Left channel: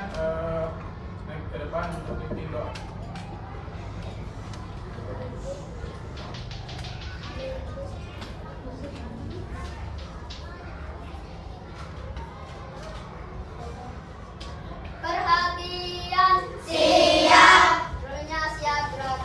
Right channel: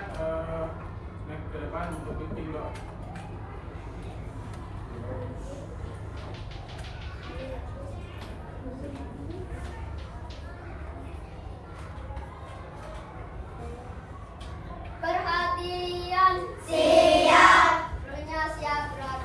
silakan naik ke depan untuk pimpin doa. Perhatian, siap. Rohnya siap, gerak.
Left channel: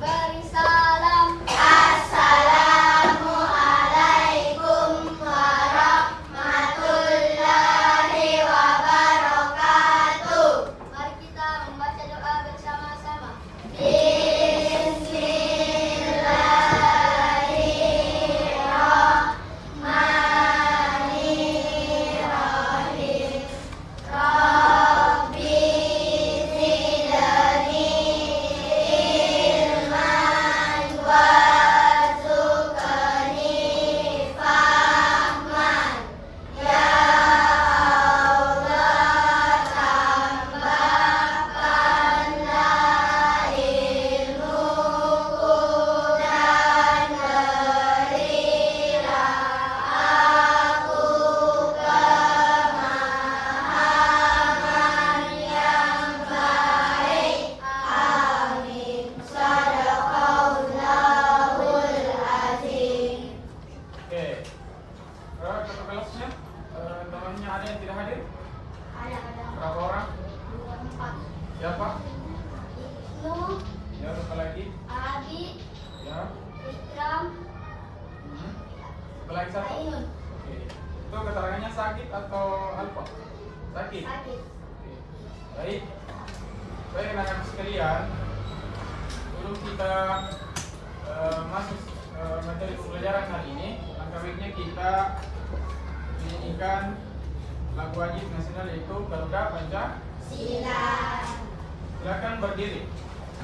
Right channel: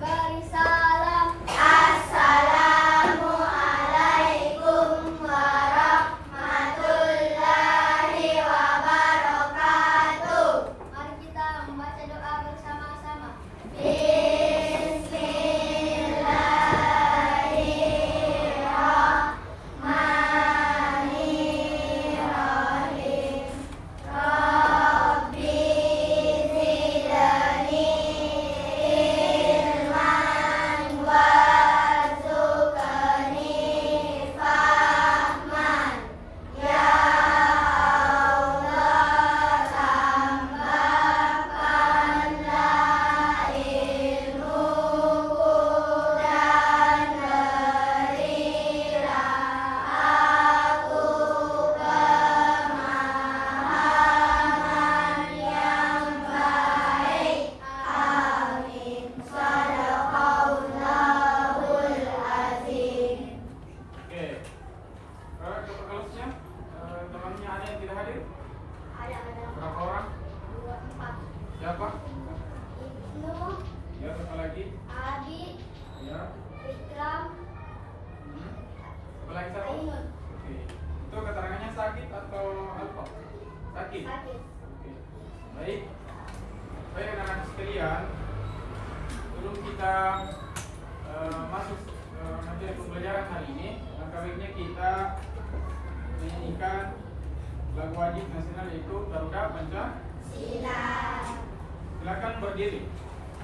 Beri salam. Assalamualaikum warahmatullahi wabarakatuh. Mari kita membaca doa bersama-sama. Bismillahirrahmanirrahim. Rabbi zidni ilman warzuqni fahman. Ya Allah, tambahkanlah ilmuku dan berilah aku pemahaman yang baik. Amin. Sadaqallahul azim. Oke. Kata kelasnya, temannya ada yang tidak hadir? Ada Berapa orang? 4. Siapa? Ibnu, Ya, satu lagi. Adi, Ya. Ikram, Satu lagi satu. Ainun. Oke. Itu keterangannya sakit atau apa? Sakit. Sakit. Oke. Baik. Baik anak-anak sekalian, sebelum kita masuk materi pembelajaran hari ini, langkah baiknya kita menyanyikan lagu wajib nasional yaitu Garuda Pancasila. Silakan berdiri.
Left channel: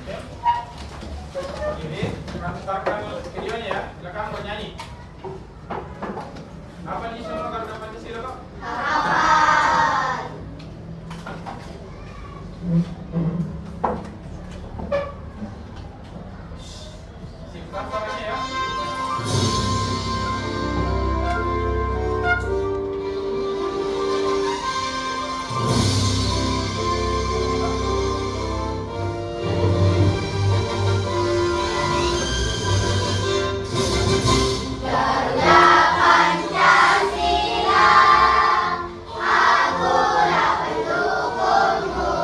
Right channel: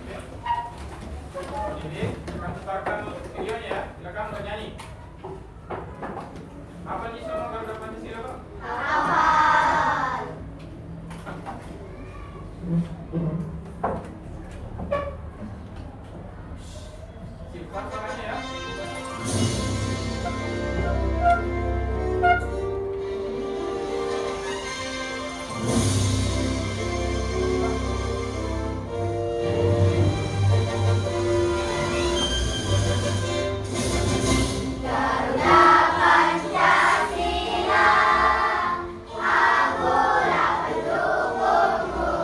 Oke. Berdiri. Akan putarkan videonya ya. Silakan bernyanyi. Apa sih semua Garuda Pancasila, Pak? Hafal. Simpan suaranya ya. Garuda Pancasila, akulah pendukungmu.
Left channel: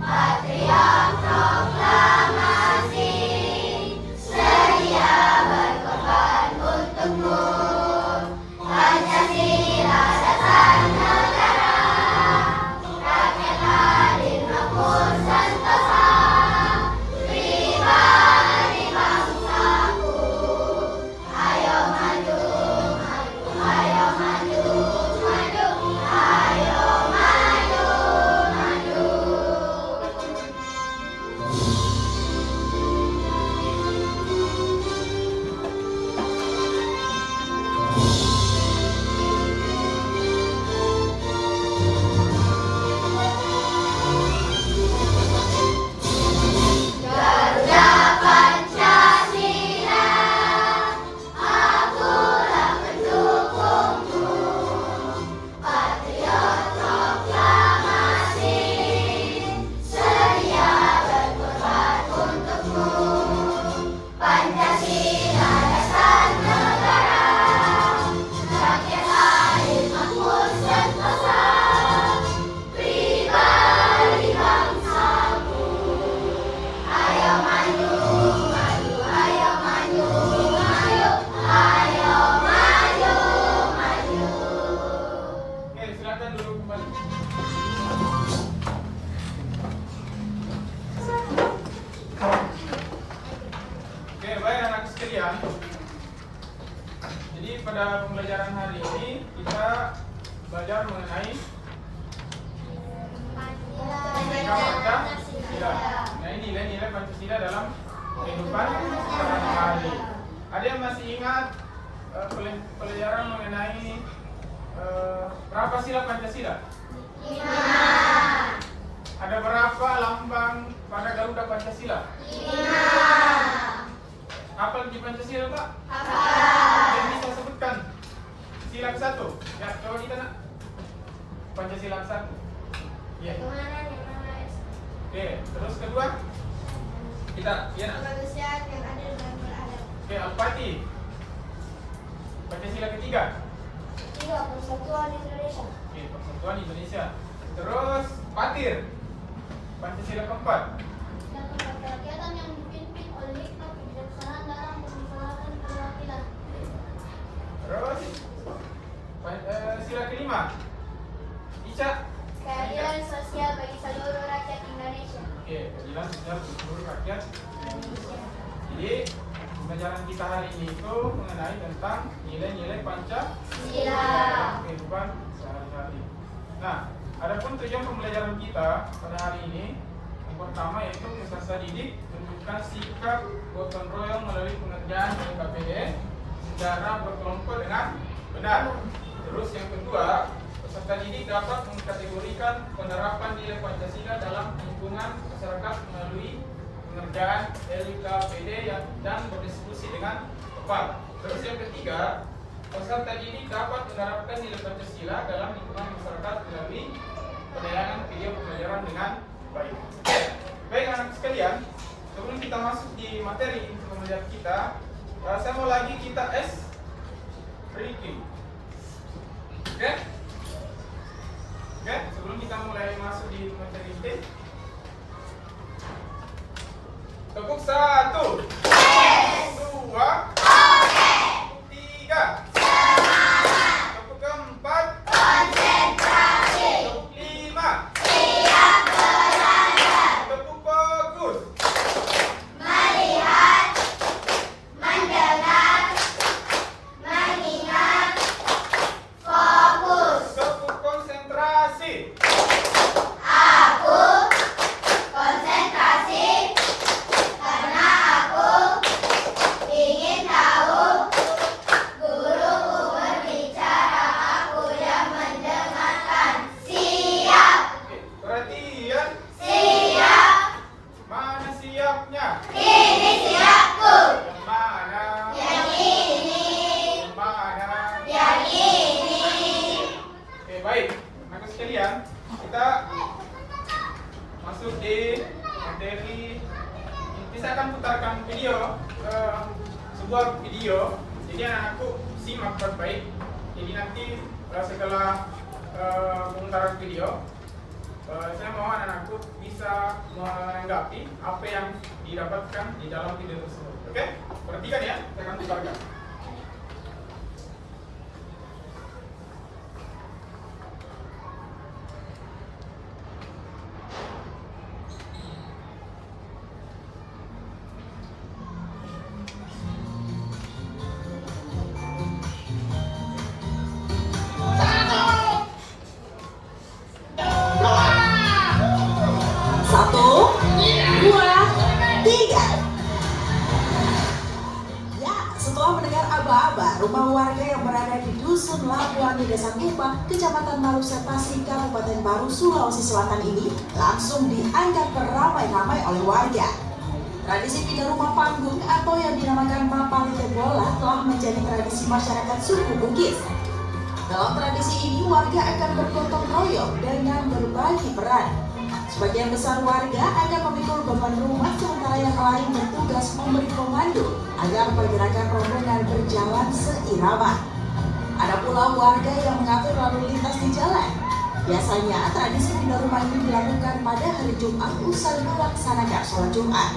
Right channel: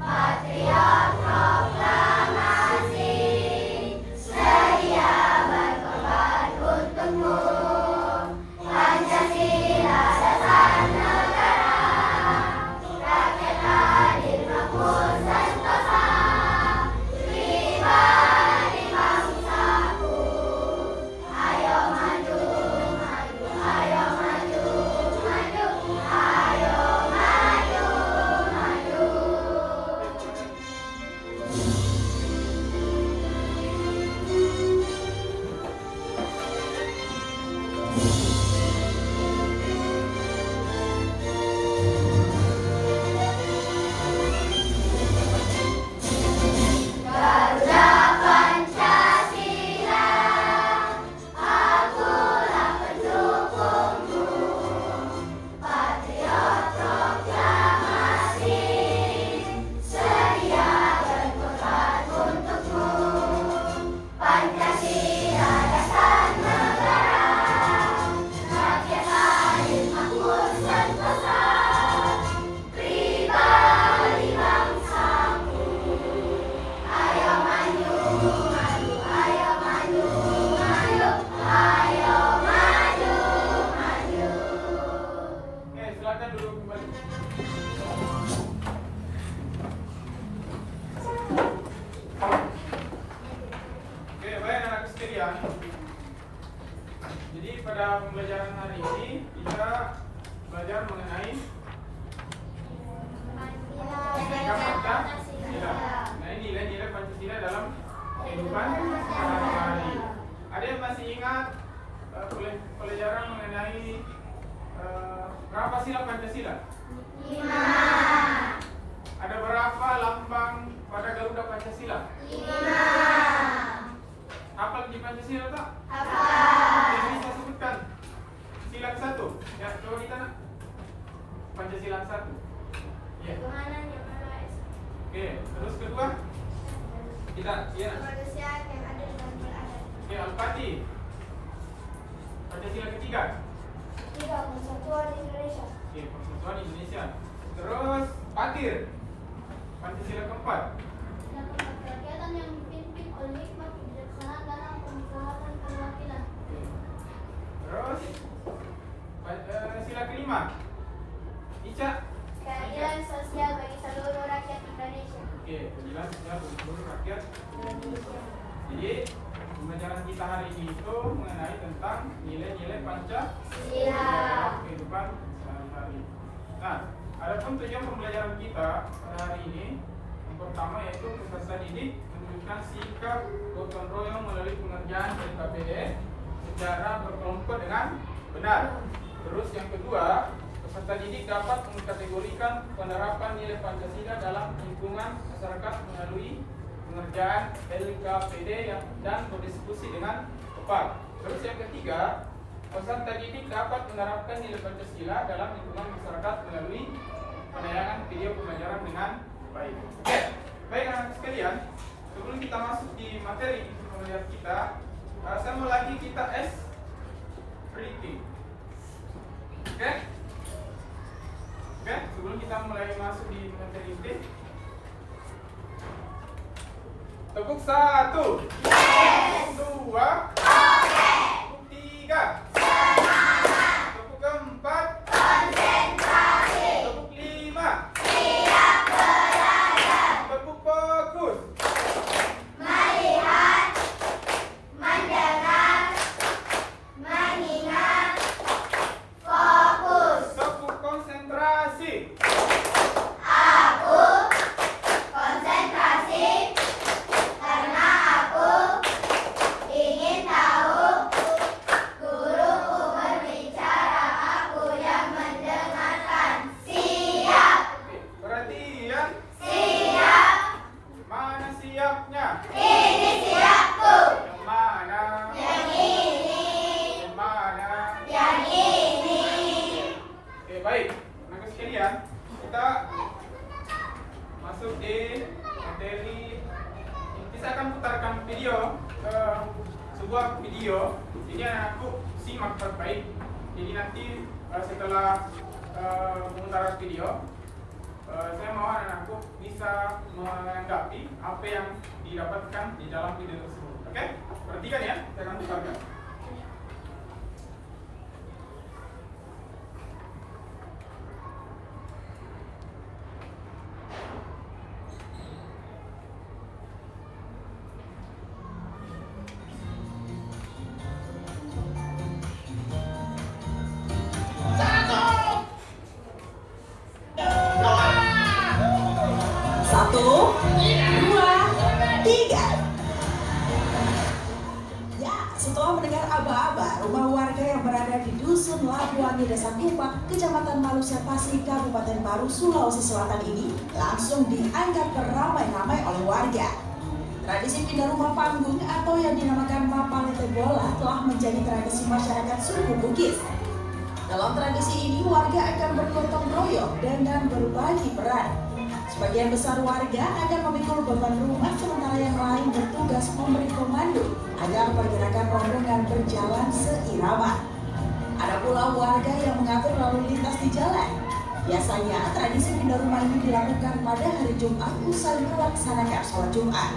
Patriot proklamasi, sedia berkorban untukmu. Pancasila dasar negara, rakyat adil makmur sentosa, pribadi bangsaku. Ayo maju, maju, ayo maju, maju, ayo maju, maju. Garuda Pancasila, akulah pendukungmu. Patriot proklamasi, sedia berkorban untukmu. Pancasila dasar negara, rakyat adil makmur sentosa, pribadi bangsaku. Ayo maju, maju, ayo maju, maju, ayo maju, maju. Oke, silakan duduk kembali. Oke, baik anak sekalian. Jadi pada pembelajaran hari ini kita belajar mengenai Nilai Pancasila. Nah, ini nilai-nilai Pancasila dalam kehidupan sehari-hari. Ada yang masih ingat pelajaran mengenai berapa sila Pancasila? 5. Ada berapa lambang pada Garuda Pancasila? 5. Apa di Pancasila, Pak? Hafal. Yang bisa sebutkan? Sila ke-1. Ya, coba kita nak. Pancasila 1. Iya. Ketuhanan yang Maha Esa. Oke, terus kedua kita ya. Kemanusiaan yang adil dan beradab. Oke, Al-Fatih. Pancasila ketiga. 3. Persatuan Indonesia. Oke, Persatuan Indonesia. Terus Fatir. Pancasila keempat. Dan kerakyatan yang dipimpin oleh hikmah kebijaksanaan dalam memusyawarahkan perwakilan. Terus sila kelima. Ica. Keadilan sosial bagi seluruh rakyat Indonesia. Oke, keadilan sosial bagi seluruh rakyat. Indonesia. Jadi pembelajaran kita hari ini itu mengenai tentang nilai-nilai Pancasila kehidupan sehari-hari. Nah, adapun tujuan pembelajaran kita pada hari ini yang pertama yaitu peserta didik menunjukkan sikap gotong royong melalui pengerjaan LKPD secara berkelompok dengan benar. Terus yang kedua, peserta didik dapat mengkategorikan penerapan nilai Pancasila dalam lingkungan masyarakat melalui pengerjaan LKPD dan berdiskusi dengan tepat. Terus yang ketiga, peserta didik dapat menerapkan nilai Pancasila dalam lingkungan masyarakat melalui penayangan video pembelajaran dengan baik. Baik anak-anak sekalian, sebelum kita masuk di materi untuk pembelajaran kita, saya mau lagi kita review. Oke? Oke, sebelum kita mulai masuk di materi ini, tepuk 1, 2, 3, tepuk 4, konsentrasi, tepuk 5, siap belajar, tepuk fokus, Melihat, mendengar, mengingat, fokus. tepuk konsentrasi. Aku konsentrasi karena aku ingin tahu guruku berbicara, aku yang mendengarkan. Siap, Oke, perhatian. siap, Mana siapnya? ini siapku. Yang mana? Yang ini, Yang mana? yang ini. Oke, baik. Anak sekalian, kita masuk di materi. Nanti saya akan putarkan video, sebuah video. Jadi anak-anakku simak baik-baik. Jadi nanti setelah pemutaran video, saya mau anak-anakku bisa menanggapi apa yang didapatkan di dalam video tersebut. Oke? Perhatikan ya, saya akan putarkan. Satu, dua, tiga. Ya, setelah mendengar aba-aba, rumah warga yang berada di Dusun Labuan di Desa Kumbang, Kecamatan Malusa Pasir, Kabupaten Maru, Sulawesi Selatan ini langsung dianggap beramai-ramai oleh warga. Tradisi pindah rumah panggung atau yang dinamakan mapal bola telah menjadi tradisi masyarakat suku Bugis. Dalam tradisi ini, warga akan bergotong royong dengan berbagi peran. Sebagian besar warga akan memikul beban rumah, sementara yang lain bertugas memberi komando agar pergerakan rombongan berjalan seirama. Ada pula warga yang mengatur lalu lintas di jalan. Biasanya tradisi pindah rumah ini dilakukan pada hari Jumat usai melaksanakan sholat Jumat.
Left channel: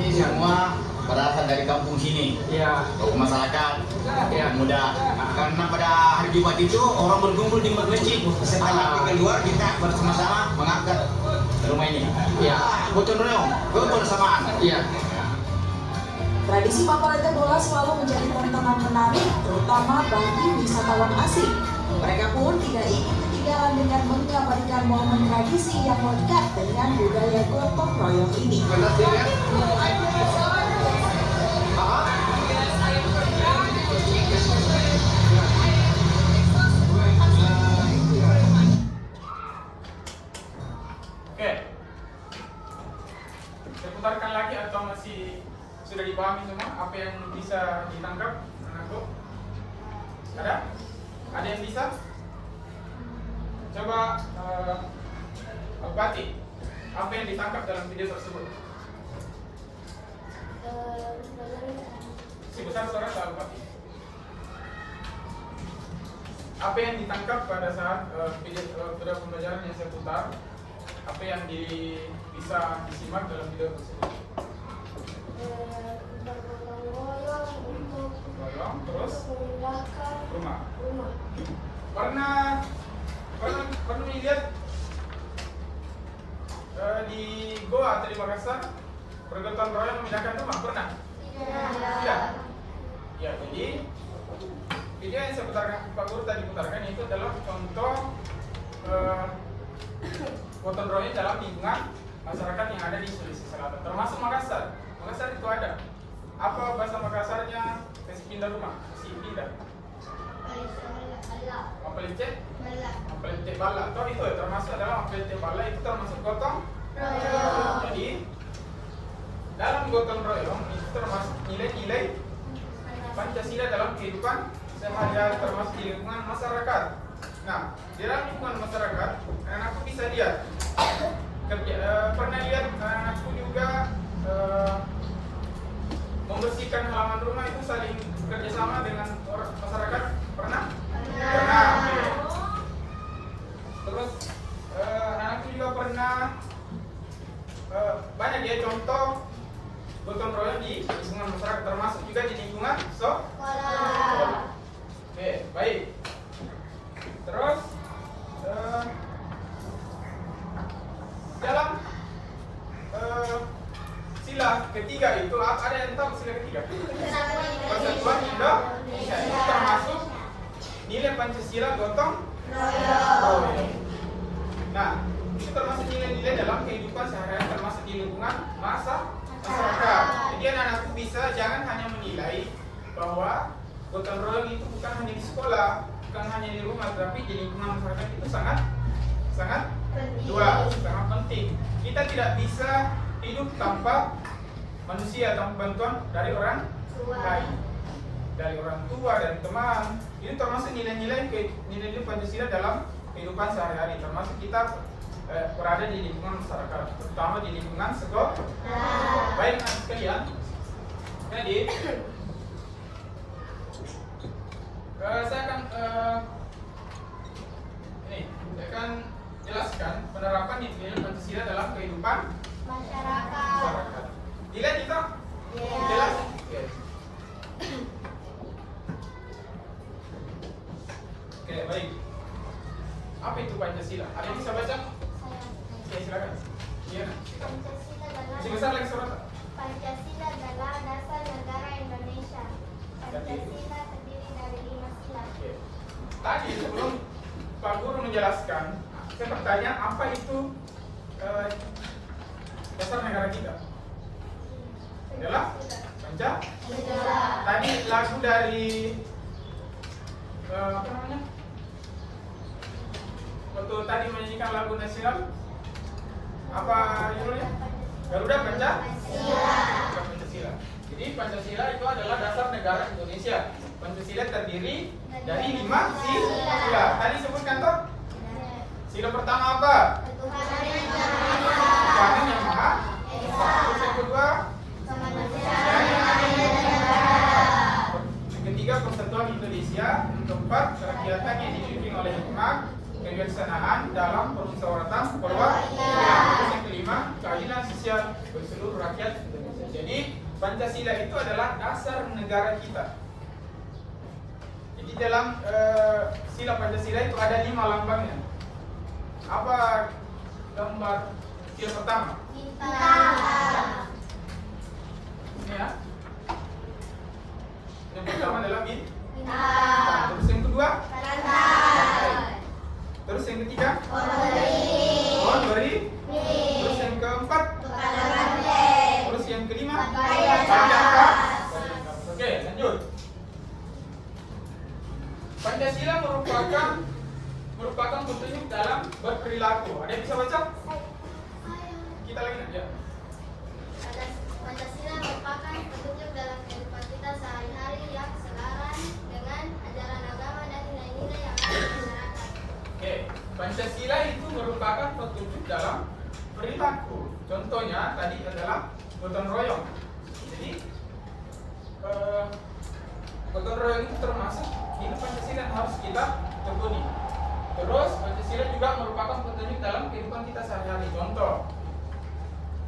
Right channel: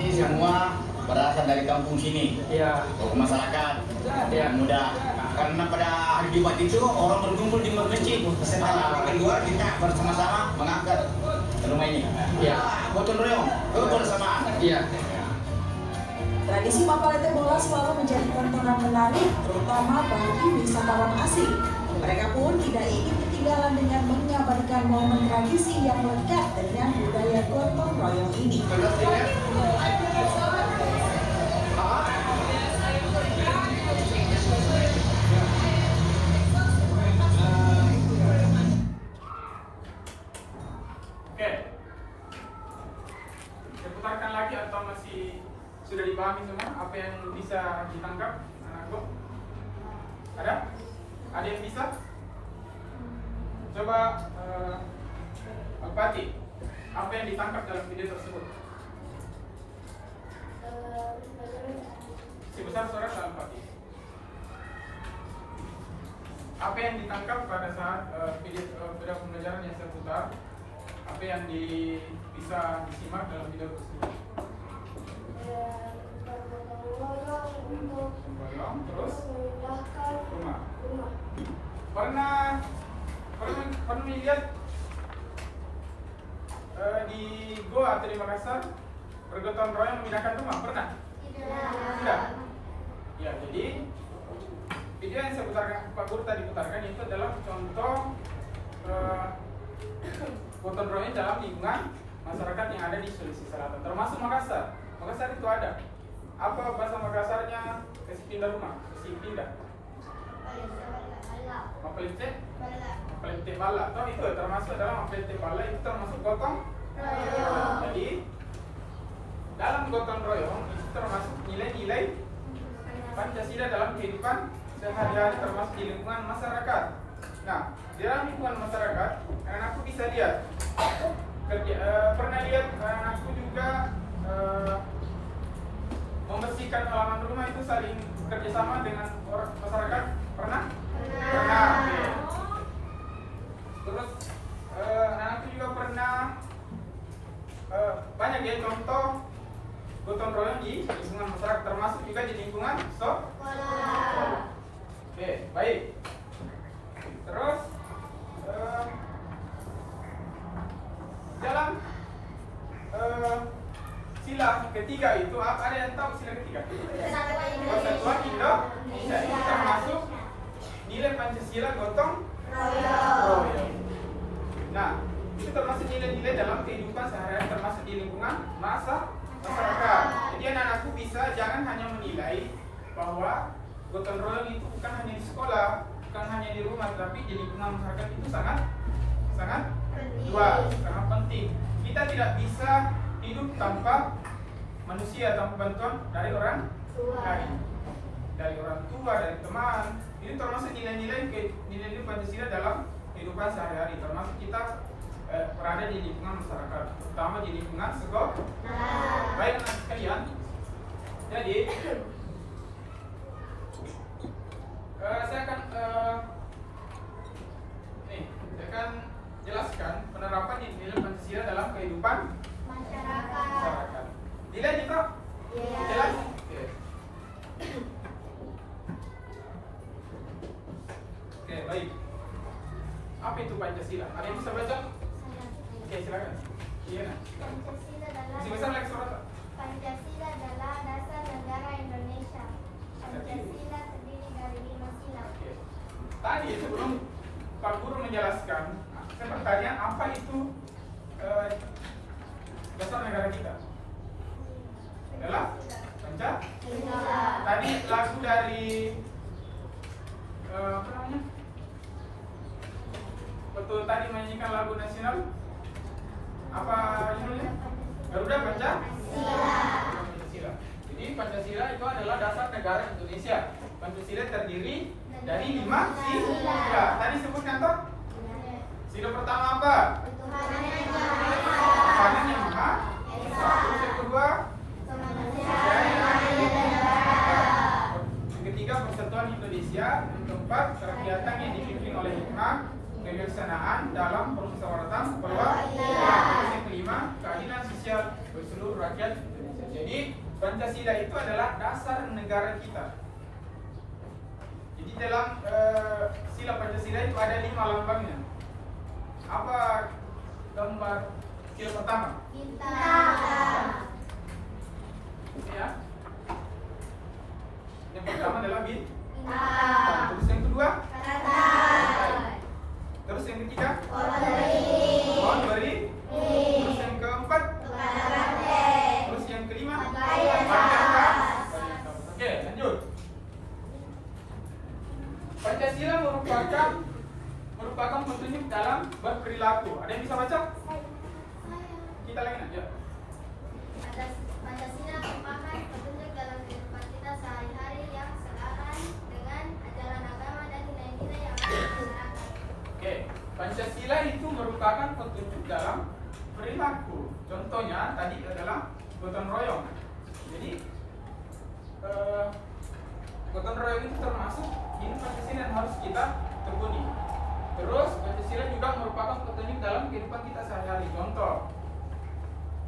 Ini semua berasal dari kampung sini, Iya. tokoh masyarakat, Iya. muda. Karena pada hari Jumat itu orang berkumpul di masjid. Setelah keluar kita bersama-sama mengangkat rumah ini. Iya. Gotong royong, kebersamaan. Iya. Tradisi mapalete bola selalu menjadi tontonan menarik, terutama bagi wisatawan asing. Mereka pun tidak ingin ketinggalan dengan mengabadikan momen tradisi yang lekat dengan budaya gotong royong ini. Oke. Saya putarkan lagi atau masih sudah dipahami semua apa yang bisa ditangkap anak-anak? Ada? Ada yang bisa? Coba Al-Fatih, apa yang ditangkap dalam video tersebut? Si besar suara Al-Fatih. Apa yang ditangkap pada saat video pembelajaran yang saya putar? Apa yang bisa disimak dalam video tersebut? Bergotong-royong terus rumah. Pernah melihat di Goa atau di Makassar bergotong royong memindahkan rumah? Pernah? Tidak. Ya, jadi video yang saya putarkan, Pak Guru tadi putarkan itu adalah contoh gotong royong dalam lingkungan masyarakat yang ada di Sulawesi Selatan, termasuk Makassar. Makassar itu ada. Apa bahasa Makassarnya? Kasih pindah rumah, kasih pindah. Mapelite bala. Toh itu termasuk dalam mapelite bala, itu termasuk gotong royong. Jadi dalam gotong royong itu termasuk nilai-nilai Pancasila dalam kehidupan sehari-hari, termasuk di lingkungan masyarakat. Nah, di dalam lingkungan masyarakat, anak-anakku bisa lihat pernah lihat anak-anakku juga membersihkan halaman rumah itu saling kerjasama dengan masyarakat. Pernah? Oke. Terus anak-anakku juga pernah banyak ya contoh gotong royong di lingkungan masyarakat, termasuk juga di lingkungan sekolah. Oke, baik. Terus dalam sila ketiga itu ada yang tahu sila ketiga? Persatuan Indonesia. Itu termasuk nilai Pancasila gotong royong. Nah, itu termasuk nilai-nilai dalam kehidupan sehari-hari, termasuk di lingkungan masyarakat. Jadi anak-anakku bisa jangan hanya menilai bahwa gotong royong itu bukan hanya di sekolah, bukan hanya di rumah, tapi di lingkungan masyarakat itu sangat penting. Kita tidak bisa hidup tanpa manusia, tanpa bantuan dari orang lain, dari orang tua, dari teman. Ini termasuk nilai-nilai Pancasila dalam kehidupan sehari-hari, termasuk kita berada di lingkungan masyarakat, terutama di lingkungan sekolah. Baik anak sekalian, jadi saya akan jelaskan penerapan nilai Pancasila dalam kehidupan masyarakat. Dilihat itu? Jelas? Oke, baik. Apa itu Pancasila? Ada yang bisa baca? Ya, silakan. Iya. Sebesar lagi suara. Pancasila adalah dasar negara Indonesia. Pancasila terdiri dari 5 sila. Tadi sebelum Pak Guru menjelaskan, saya bertanya apa itu dasar negara kita? Adalah Pancasila. Tadi lagu dari apa namanya? Waktu tadi menyanyikan lagu nasional, apa judulnya? Garuda Pancasila. Jadi Pancasila itu adalah dasar negara Indonesia. Pancasila terdiri dari 5 sila. Tadi sebutkan toh? Sila pertama apa? Tuhan yang Maha Esa. Terus yang kedua? Yang ketiga persatuan Indonesia. Yang keempat kegiatan yang dipimpin oleh hikmah, kebijaksanaan dalam permusyawaratan perwakilan. Terus yang kelima keadilan sosial bagi seluruh rakyat Indonesia. Jadi Pancasila itu adalah dasar negara kita. Jadi dalam sila Pancasila itu ada 5 lambangnya. Apa gambar sila pertama? Bintang. Ini ya. Yang pertama adalah Bintang. Terus yang kedua? Rantai. Terus yang ketiga? Pohon beri. Terus yang keempat? Tukang rantai. Terus yang kelima? Pajak. Oke, lanjut. Pancasila merupakan petunjuk dalam berperilaku. Ada yang bisa baca? Kita lagi aja. Pancasila merupakan petunjuk dalam kehidupan kita sehari-hari yang selaras dengan ajaran agama dan nilai-nilai yang ada di masyarakat. Oke, Pancasila itu merupakan petunjuk dalam perilaku. Contohnya tadi adalah gotong royong. Jadi gotong royong itu termasuk ini Pancasila yang harus kita tekuni. Terus Pancasila juga merupakan petunjuk dalam kehidupan kita sehari-hari. Contoh,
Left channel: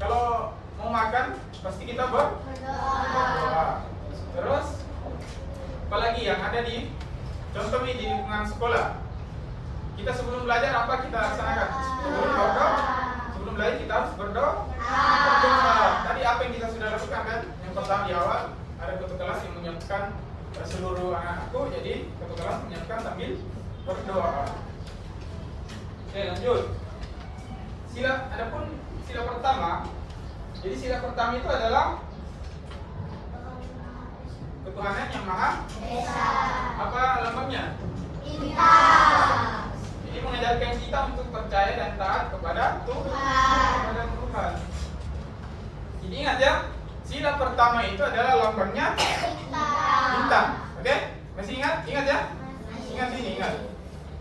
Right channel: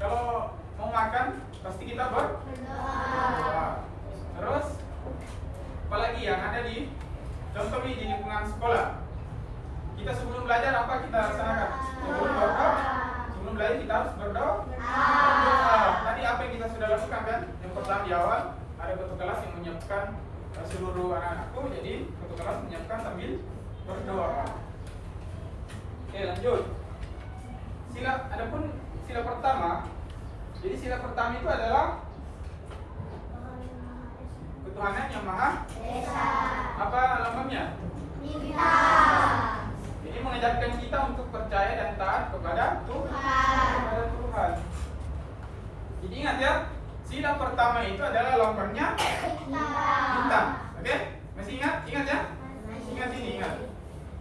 kalau mau makan pasti kita berdoa. Terus apalagi yang ada di contoh nih di lingkungan sekolah, kita sebelum belajar apa kita laksanakan? Sebelum belajar kita harus berdoa. Tadi apa yang kita sudah lakukan kan? Yang pertama di awal ada ketua kelas yang menyiapkan seluruh anakku, jadi ketua kelas menyiapkan sambil berdoa. Oke, lanjut. Adapun sila pertama. Jadi sila pertama itu adalah ketuhanan yang Maha Esa. Apa lambangnya? Bintang. Jadi mengajarkan kita untuk percaya dan taat kepada Tuhan. Jadi ingat ya, sila pertama itu adalah lambangnya bintang. Oke? Masih ingat? Ingat ya? Ingat ini, ingat.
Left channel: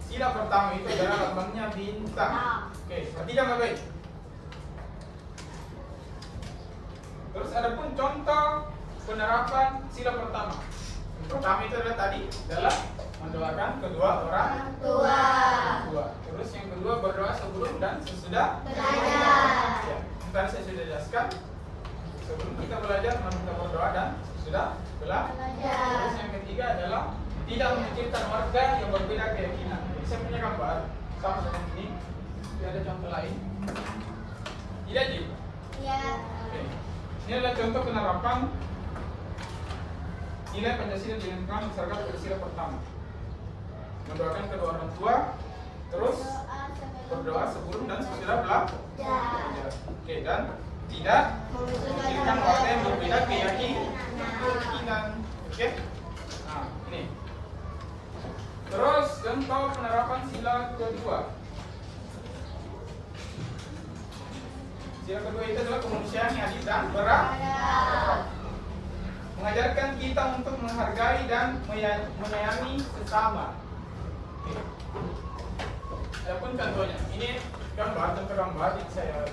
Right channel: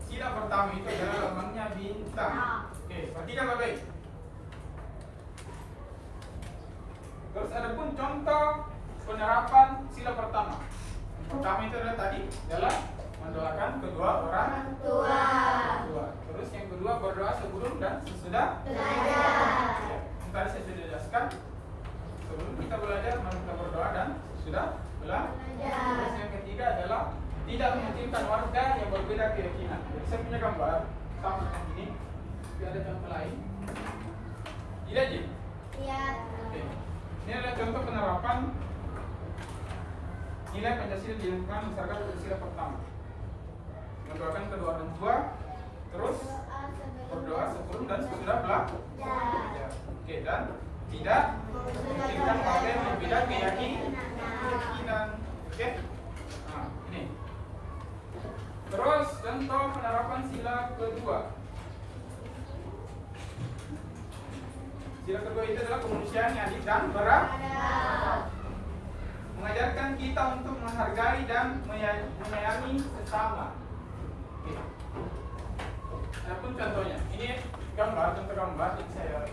Sila pertama itu adalah lambangnya bintang. Oke, perhatikan baik-baik. Terus ada pun contoh penerapan sila pertama. Yang pertama itu adalah tadi adalah mendoakan kedua orang tua. Terus yang kedua berdoa sebelum dan sesudah belajar. Ya, yang tadi saya sudah jelaskan. Sebelum kita belajar, kita berdoa dan sesudah belajar. Terus yang ketiga adalah tidak memikirkan warga yang berbeda keyakinan. Jadi saya punya gambar sama dengan ini. Tidak ada contoh lain. Tidak Ji? Iya. Oke. Ini adalah contoh penerapan nilai Pancasila di lingkungan masyarakat bersila pertama. Mendoakan kedua orang tua, terus berdoa sebelum dan sesudah belajar. Oke, dan tidak memikirkan warga yang berbeda keyakinan. Oke. Nah, ini. Terus contoh penerapan sila kedua. Sila kedua itu adalah kemanusiaan yang adil dan beradab. Mengajarkan kita untuk menghargai dan menyayangi sesama. Oke. Adapun contohnya, ini contoh gambar yang saya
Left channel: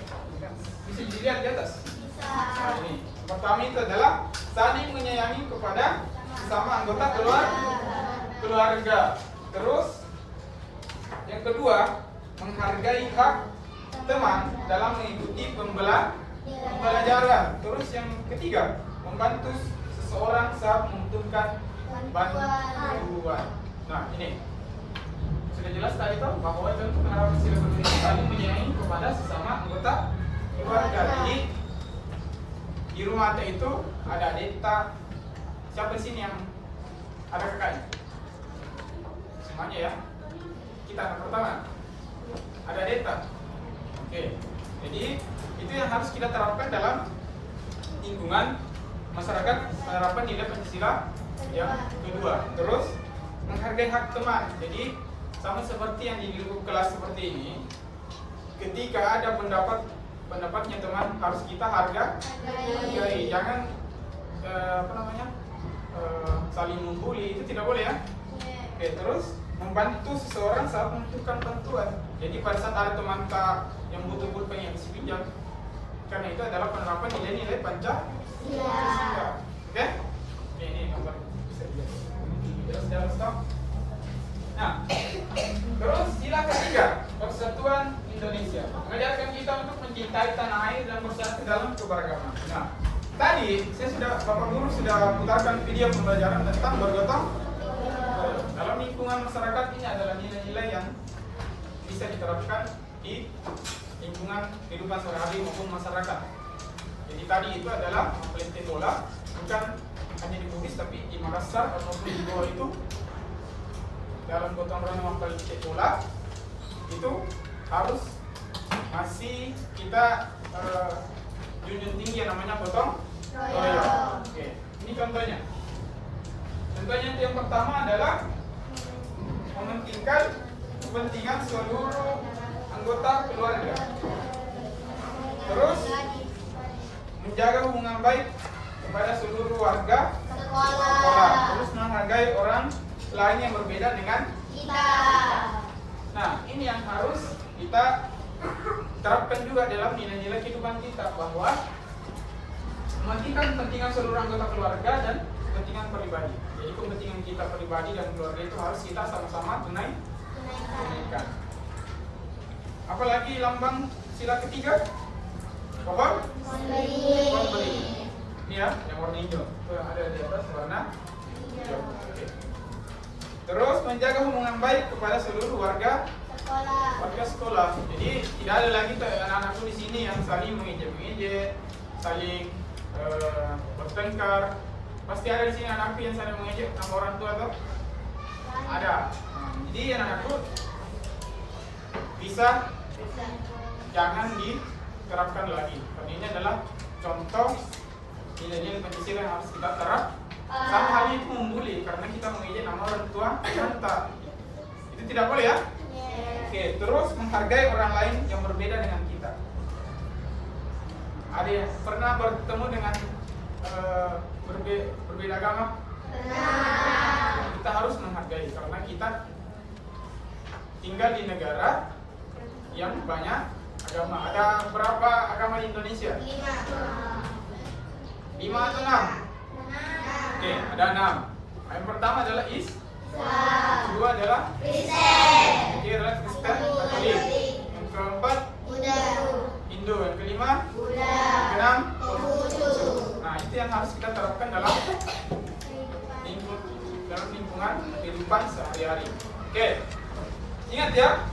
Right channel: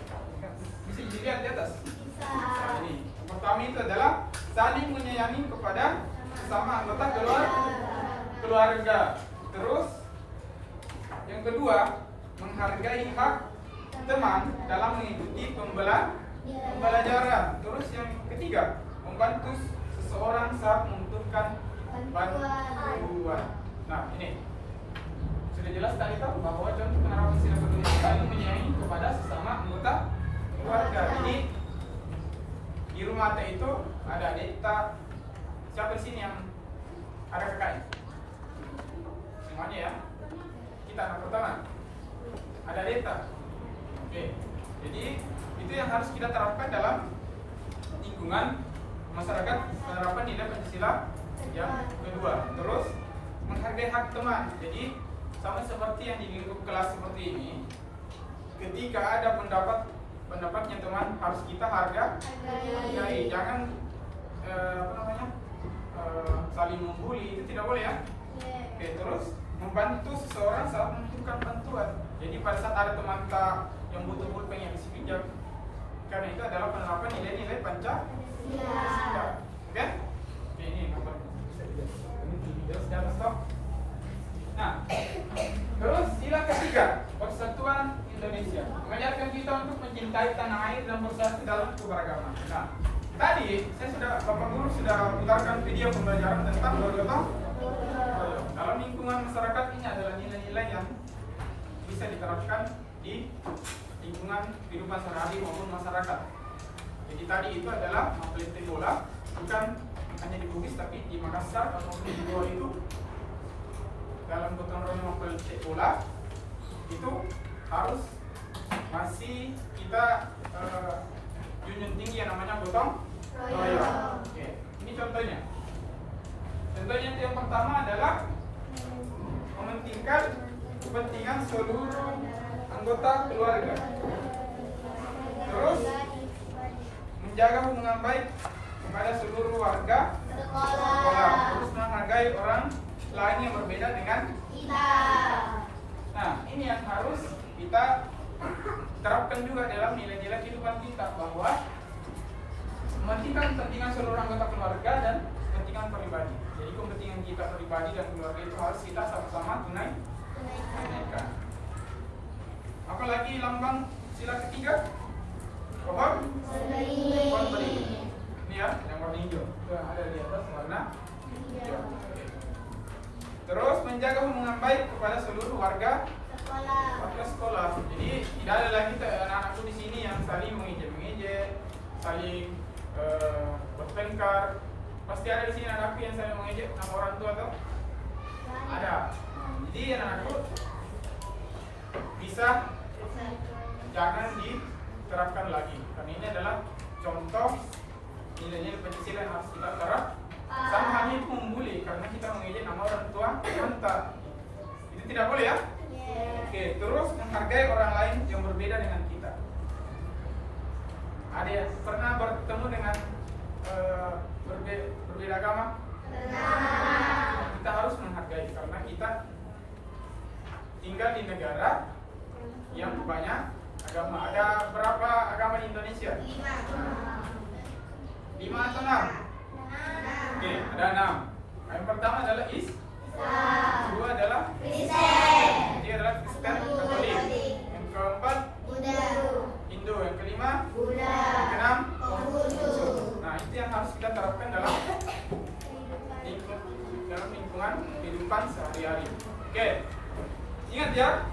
bisa dilihat di atas. Nah, ini. Pertama itu adalah saling menyayangi kepada sesama anggota keluarga. Terus yang kedua, menghargai hak teman dalam mengikuti pembelajaran. Terus yang ketiga, membantu seseorang saat membutuhkan bantuan. Nah, ini sudah jelas tadi tahu bahwa contoh penerapan sila kedua ini saling menyayangi kepada sesama anggota keluarga. Jadi di rumah Anda itu ada adik tak? Siapa di sini yang ada kakaknya? Semuanya ya. Kita anak pertama. Ada adik tak? Oke. Jadi itu yang harus kita terapkan dalam lingkungan masyarakat, penerapan nilai Pancasila yang kedua. Terus menghargai hak teman. Jadi sama seperti yang di lingkup kelas seperti ini, ketika ada pendapatnya teman harus kita hargai. Jangan saling membuli, itu tidak boleh ya. Oke, terus membantu seseorang saat membutuhkan bantuan. Jadi pada saat ada teman yang butuh pulpen yang kasih pinjam, karena itu adalah penerapan nilai-nilai Pancasila. Oke? Ini gambar bisa dilihat. Terus jangan stop. Nah, terus sila ketiga, persatuan Indonesia. Mengajarkan kita untuk mencintai tanah air dan bersatu dalam keberagaman. Nah, tadi Bapak Guru sudah putarkan video pembelajaran tentang bergotong royong. Dalam lingkungan masyarakat ini adalah nilai-nilai yang bisa diterapkan di lingkungan kehidupan sehari-hari maupun masyarakat. Jadi tadi itu adalah mempeliti bola, bukan hanya di Bugis tapi di Makassar ataupun di Goa itu dalam gotong royong mempeliti bola itu harus masih kita junjung tinggi yang namanya gotong royong. Oke, ini contohnya. Contohnya yang pertama adalah mementingkan kepentingan seluruh anggota keluarga. Terus menjaga hubungan baik kepada seluruh warga sekolah. Terus menghargai orang lain yang berbeda dengan kita. Nah, ini yang harus kita terapkan juga dalam nilai-nilai kehidupan kita, bahwa mementingkan kepentingan seluruh anggota keluarga dan kepentingan pribadi. Jadi kepentingan kita pribadi dan keluarga itu harus kita sama-sama tunaikan. Apalagi lambang sila ketiga, pohon beringin. Ini ya, yang warna hijau. Itu yang ada di atas warna hijau. Oke. Terus menjaga hubungan baik kepada seluruh warga sekolah. Jadi tidak ada lagi anak-anakku di sini yang saling mengejek, saling bertengkar. Pasti ada di sini anakku yang saling mengejek sama orang tua tuh. Ada. Jadi anak-anakku bisa jangan diterapkan lagi. Karena ini adalah contoh nilai-nilai Pancasila yang harus kita terap. Sama halnya itu membuli karena kita mengejek nama orang tua kita. Itu tidak boleh ya? Oke, terus menghargai orang lain yang berbeda dengan kita. Ada yang pernah bertemu dengan berbeda agama? Kita harus menghargai karena kita tinggal di negara yang banyak agama. Ada berapa agama di Indonesia? 5 atau 6? Oke, ada 6. Yang pertama adalah kedua adalah ketiga adalah Kristen Katolik, yang keempat Hindu, yang kelima yang keenam Konghucu. Nah, itu yang harus kita terapkan dalam lingkungan kehidupan sehari-hari. Oke, ingat ya,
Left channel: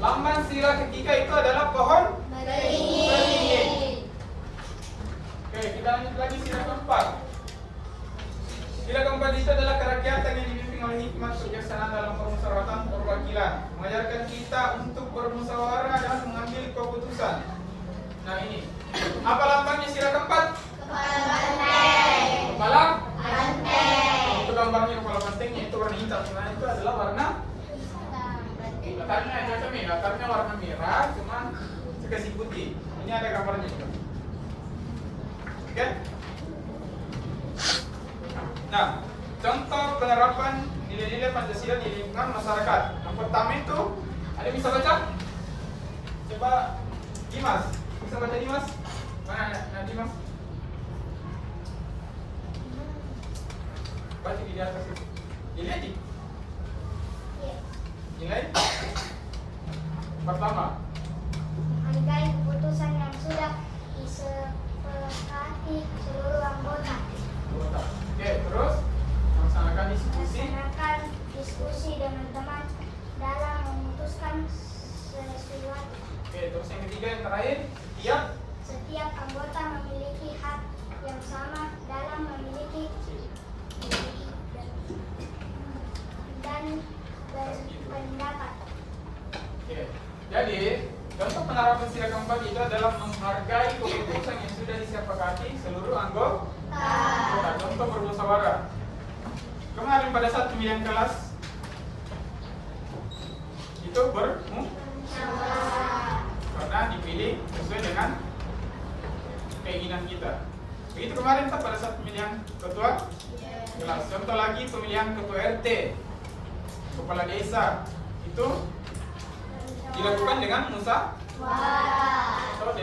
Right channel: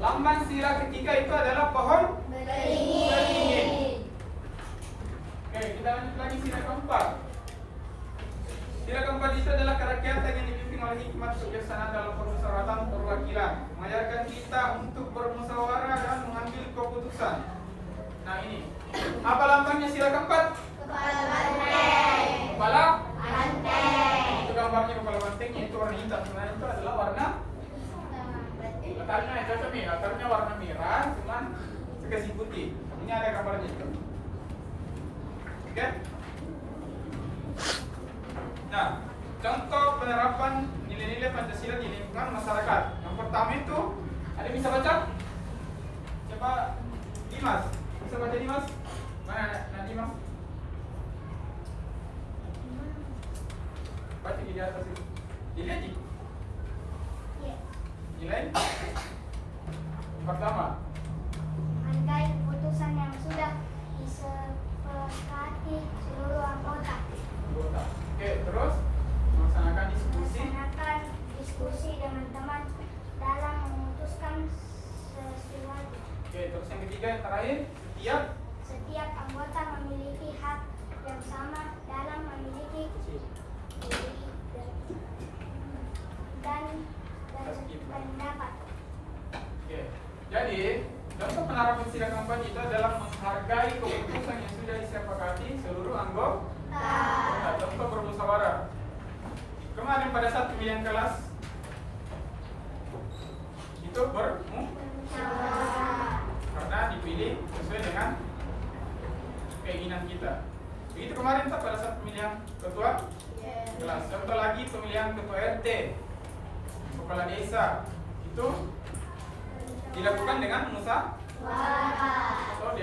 lambang sila ketiga itu adalah pohon beringin. Oke, kita lanjut lagi sila keempat. Sila keempat itu adalah kerakyatan yang dipimpin oleh hikmat kebijaksanaan dalam permusyawaratan perwakilan, mengajarkan kita untuk bermusyawarah dan mengambil keputusan. Nah, ini apa lambangnya sila keempat? Kepala banteng. Itu gambarnya kepala bantengnya, itu warna hitam. Sebenarnya itu adalah warna latarnya warna merah, cuman dikasih putih. Ini ada gambarnya. Oke? Nah, contoh penerapan nilai-nilai Pancasila di lingkungan masyarakat. Yang pertama itu, ada bisa baca? Coba Dimas, bisa baca Dimas? Mana Dimas? Baca di atas itu. Nilai? Nilai? Pertama, menghargai keputusan yang sudah disepakati seluruh anggota. Oke, terus melaksanakan diskusi dengan teman dalam memutuskan sesuatu. Oke, terus yang ketiga yang terakhir, setiap anggota memiliki hak yang sama dalam memiliki dan berpendapat. Oke, jadi contoh penerapan sila keempat itu adalah menghargai keputusan yang sudah disepakati seluruh anggota. Contoh bermusyawarah. Kemarin pada saat pemilihan kelas itu bermusyawarah karena dipilih sesuai dengan keinginan kita. Begitu kemarin pada saat pemilihan ketua kelas. Contoh lagi pemilihan ketua RT, kepala desa, itu dilakukan dengan musyawarah. Atau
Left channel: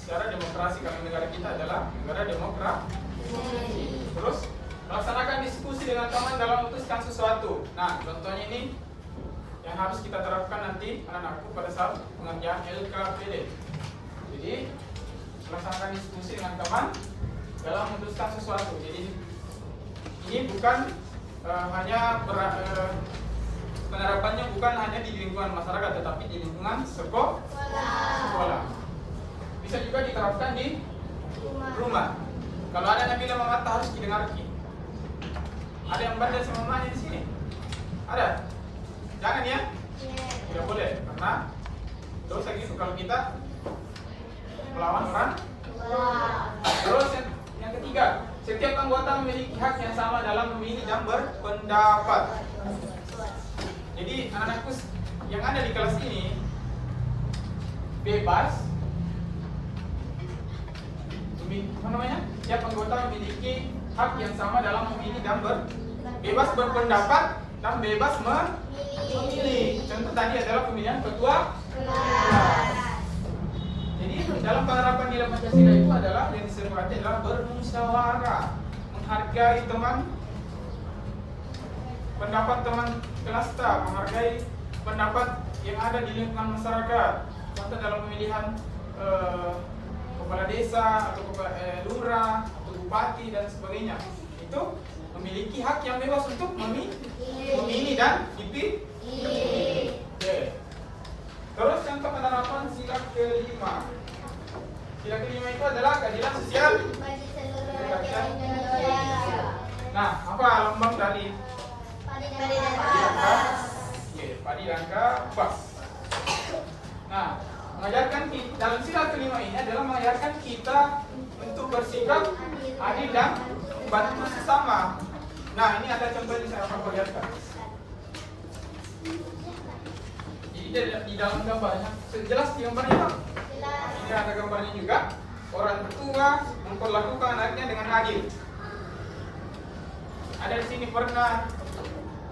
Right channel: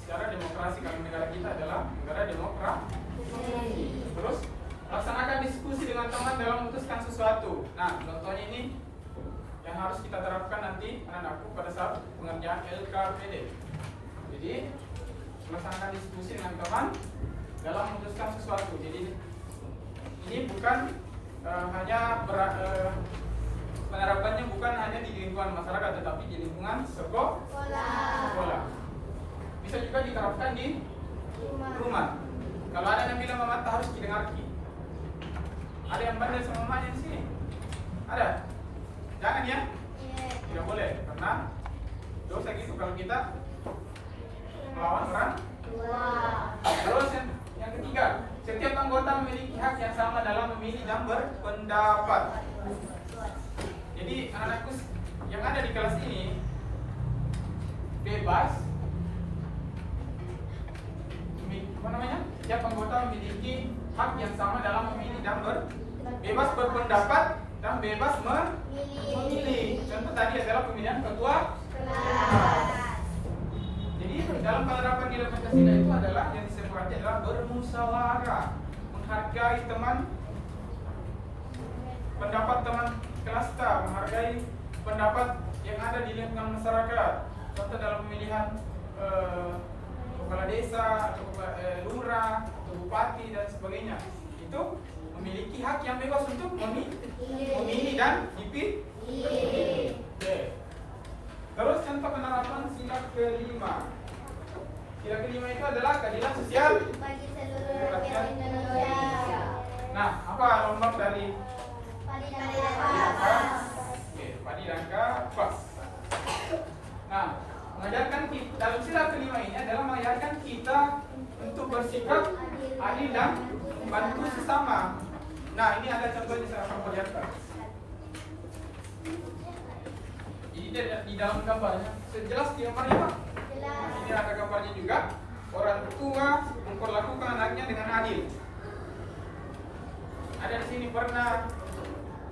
secara demokrasi, kalau negara kita adalah negara demokrasi. Terus laksanakan diskusi dengan teman dalam memutuskan sesuatu. Nah, contohnya ini yang harus kita terapkan nanti anak-anakku pada saat pengerjaan LKPD. Jadi laksanakan diskusi dengan teman dalam memutuskan sesuatu. Jadi ini bukan hanya penerapannya bukan hanya di lingkungan masyarakat, tetapi di lingkungan sekolah. Bisa juga diterapkan di rumah. Kalau ada yang bilang mama tak harus didengar. Ada yang bandel sama mamanya di sini? Ada? Jangan ya? Tidak boleh, karena dosa gitu kalau kita melawan orang. Terus yang ketiga, setiap anggota memiliki hak yang sama dalam memilih dan berpendapat. Jadi anak-anakku yang ada di kelas ini bebas. Setiap anggota memiliki hak yang sama dalam memilih dan bebas berpendapat dan bebas memilih. Memilih. Contoh tadi adalah pemilihan ketua kelas. Jadi dalam penerapan nilai Pancasila itu adalah yang disepakati adalah bermusyawarah, menghargai pendapat teman kelas, menghargai pendapat yang ada di lingkungan masyarakat. Contoh dalam pemilihan kepala desa atau lurah atau bupati dan sebagainya, itu memiliki hak yang bebas untuk memilih dan dipilih. Oke. Terus contoh penerapan sila kelima. Sila kelima itu adalah keadilan sosial Bagi seluruh rakyat Indonesia. Nah, apa lambang dari Padi dan kapas? Oke, padi dan kapas. Nah, mengajarkan kita, dalam sila kelima ini adalah mengajarkan kita untuk bersikap adil dan membantu sesama. Nah, ini ada contohnya saya akan perlihatkan. Jadi di dalam gambarnya, jelas di gambarnya Pak. Ini ada gambarnya juga. Orang tua memperlakukan anaknya dengan adil. Ada di sini pernah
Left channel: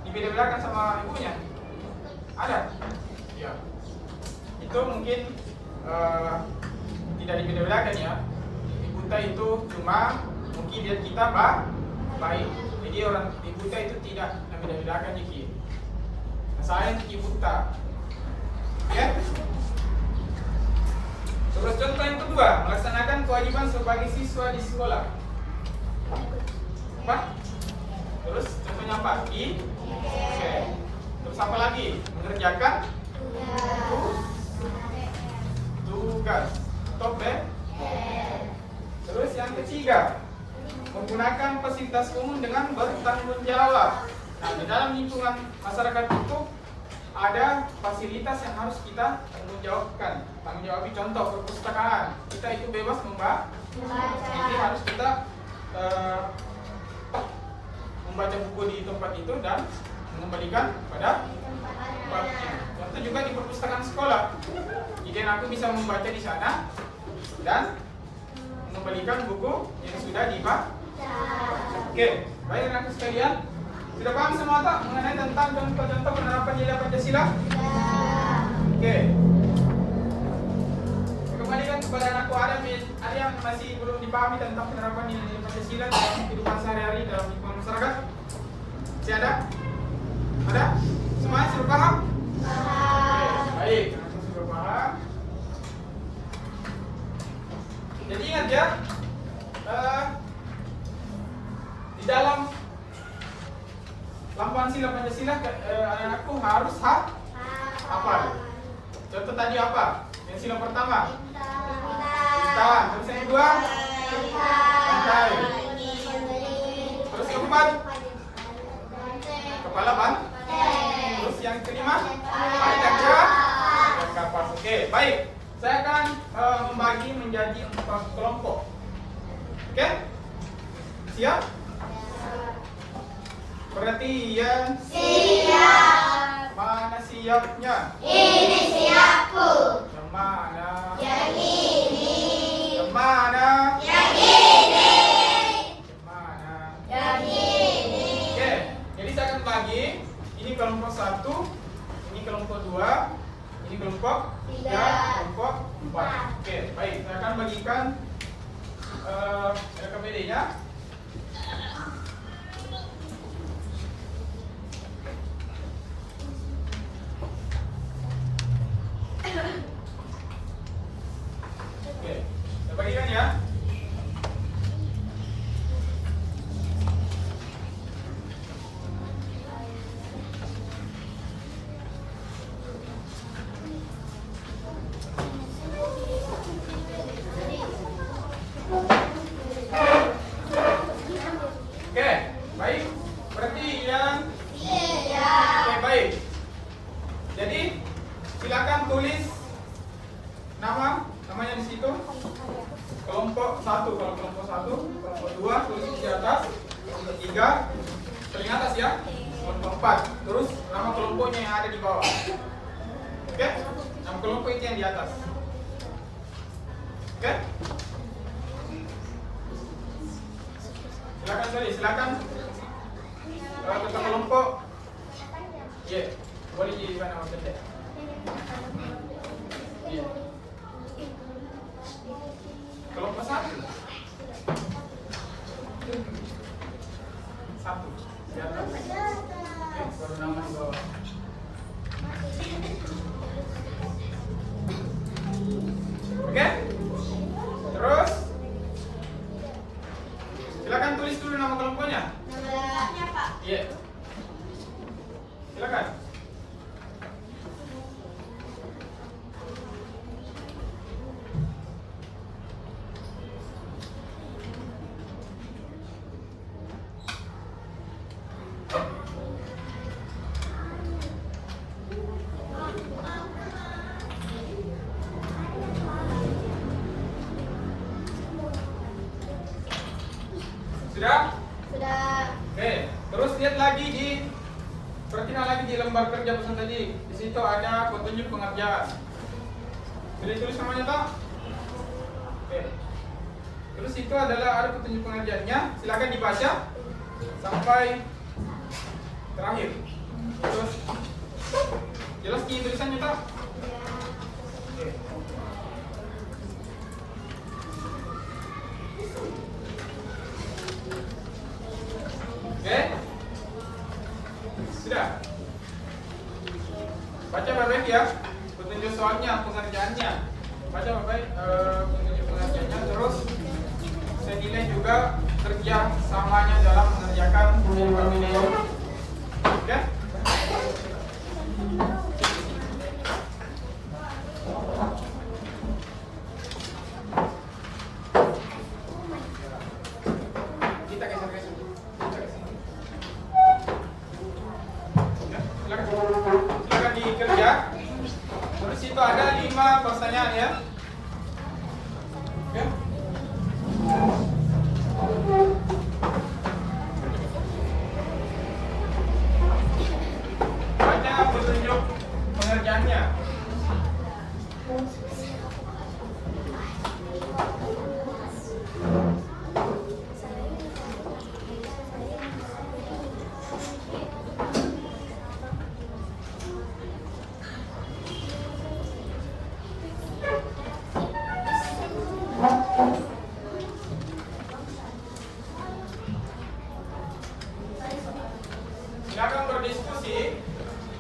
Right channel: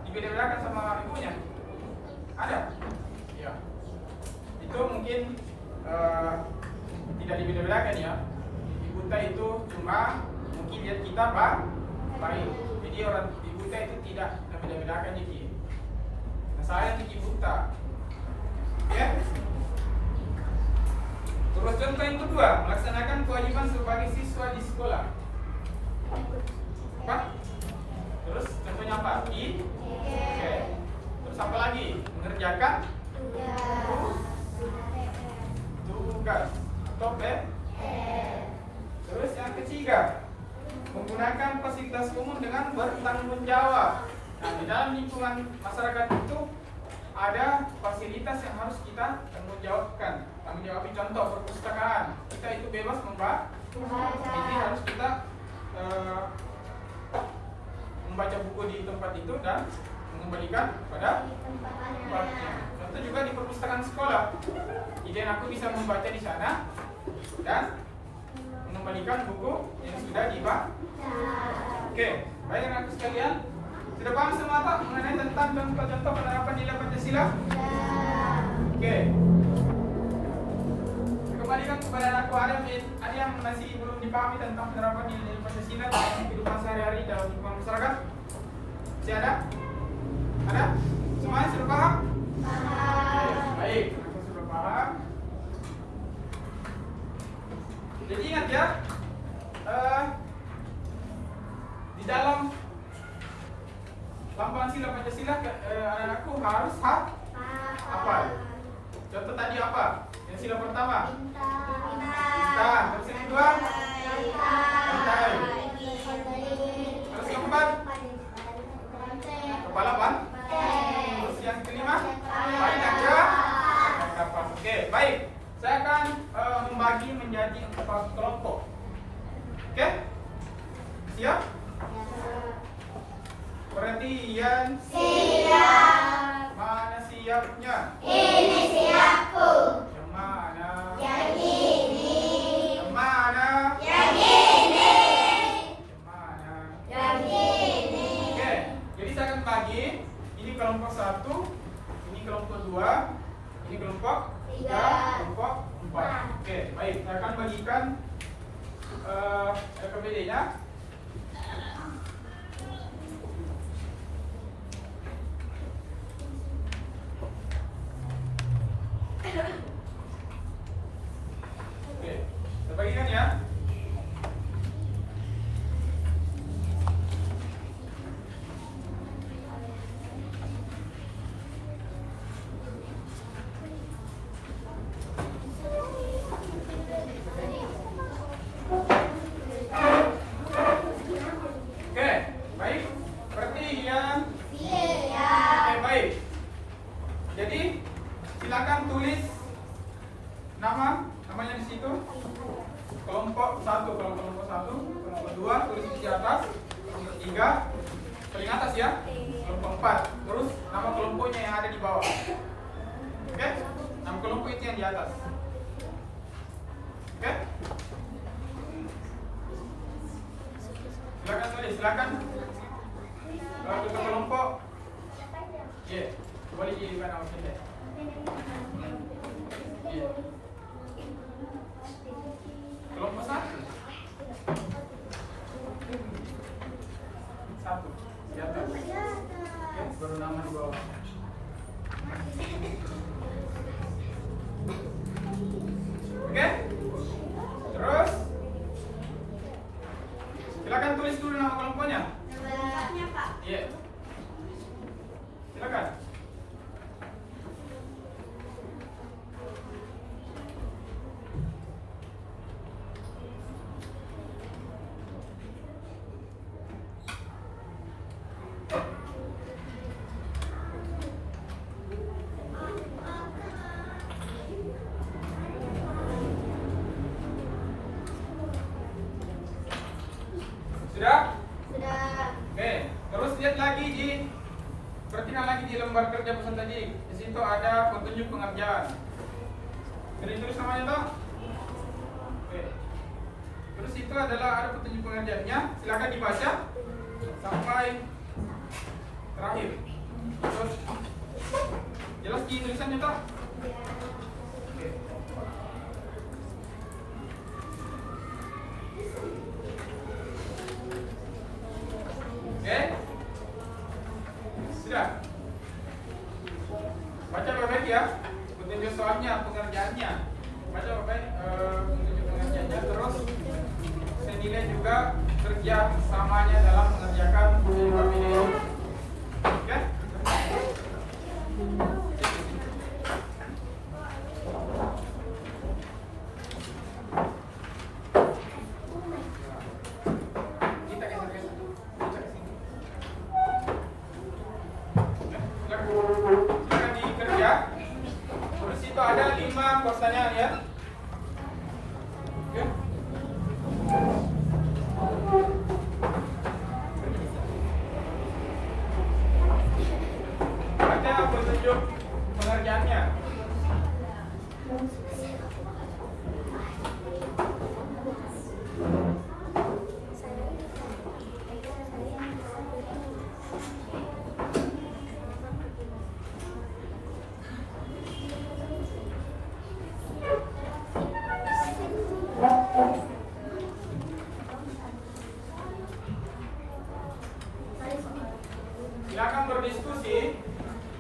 dibeda-bedakan sama ibunya? Ada? Ya. Itu mungkin tidak dibeda-bedakan ya. Ibu itu cuma mungkin lihat kita baik. Jadi orang ibu itu tidak beda-bedakan dikit. Saya ibu ya. Terus contoh yang kedua, melaksanakan kewajiban sebagai siswa di sekolah. Apa? Terus contohnya apa? Oke. Terus apa lagi? Mengerjakan tugas. Top deh. Terus yang ketiga, menggunakan fasilitas umum dengan bertanggung jawab. Nah, di dalam lingkungan masyarakat itu ada fasilitas yang harus kita tanggung jawabkan. Tanggung jawab contoh perpustakaan. Kita itu bebas membaca. Jadi harus kita membaca buku di tempat itu dan mengembalikan pada tempatnya. Contoh juga di perpustakaan sekolah. Jadi aku bisa membaca di sana dan mengembalikan buku yang sudah dibaca. Oke, baik anak sekalian. Sudah paham semua tak mengenai tentang contoh-contoh penerapan nilai Pancasila? Oke. Saya kembalikan kepada anakku ada yang masih belum dipahami tentang penerapan nilai Pancasila dalam kehidupan sehari-hari dalam lingkungan masyarakat? Masih ada? Ada? Semuanya sudah paham? Oke, baik. Anakku sudah paham. Jadi ingat ya, di dalam lambang sila Pancasila anakku harus hafal. Contoh tadi apa? Yang sila pertama bintang. Terus yang kedua bintang. Terus yang keempat kepala Terus yang kelima padi dan kapas. Oke, baik. Saya akan membagi menjadi 4 kelompok. Oke? Siap? Perhatian. Siap. Mana siapnya? Ini siapku. Yang mana? Yang ini. Yang mana? Yang ini. Yang mana? Yang ini. Oke, jadi saya akan bagi. Ini kelompok 1, ini kelompok 2, ini kelompok 3, kelompok 4. Oke, baik. Saya akan bagikan RKPD-nya. Oke, saya bagikan ya. Oke, baik. Perhatian. Oke, baik. Jadi silakan tulis namanya di situ. Kelompok 1, kalau kelompok 1, kelompok 2 tulis di atas, kelompok 3 paling atas ya, kelompok 4. Terus nama kelompoknya yang ada di bawah. Oke? Nama kelompok itu yang di atas. Oke? Silakan ketua kelompok. Iya. perhatikan lagi di lembar kerja pesan tadi. Di situ ada petunjuk pengerjaan. Jadi tulis namanya tak? Oke. Terus itu adalah ada petunjuk pengerjaannya. Silakan dibaca sampai terakhir. Terus jelas di tulisannya tak? Oke. Oke. Sudah. Baca baik-baik ya. Petunjuk soalnya, pengerjaannya. Baca baik-baik petunjuk pengerjaannya. Terus saya nilai juga kerja samanya dalam mengerjakan video. Oke? Kita geser ke sini. Silakan dikerja. Di situ ada 5 pertanyaan ya. Oke. Baca petunjuk pengerjaannya. Silakan berdiskusi.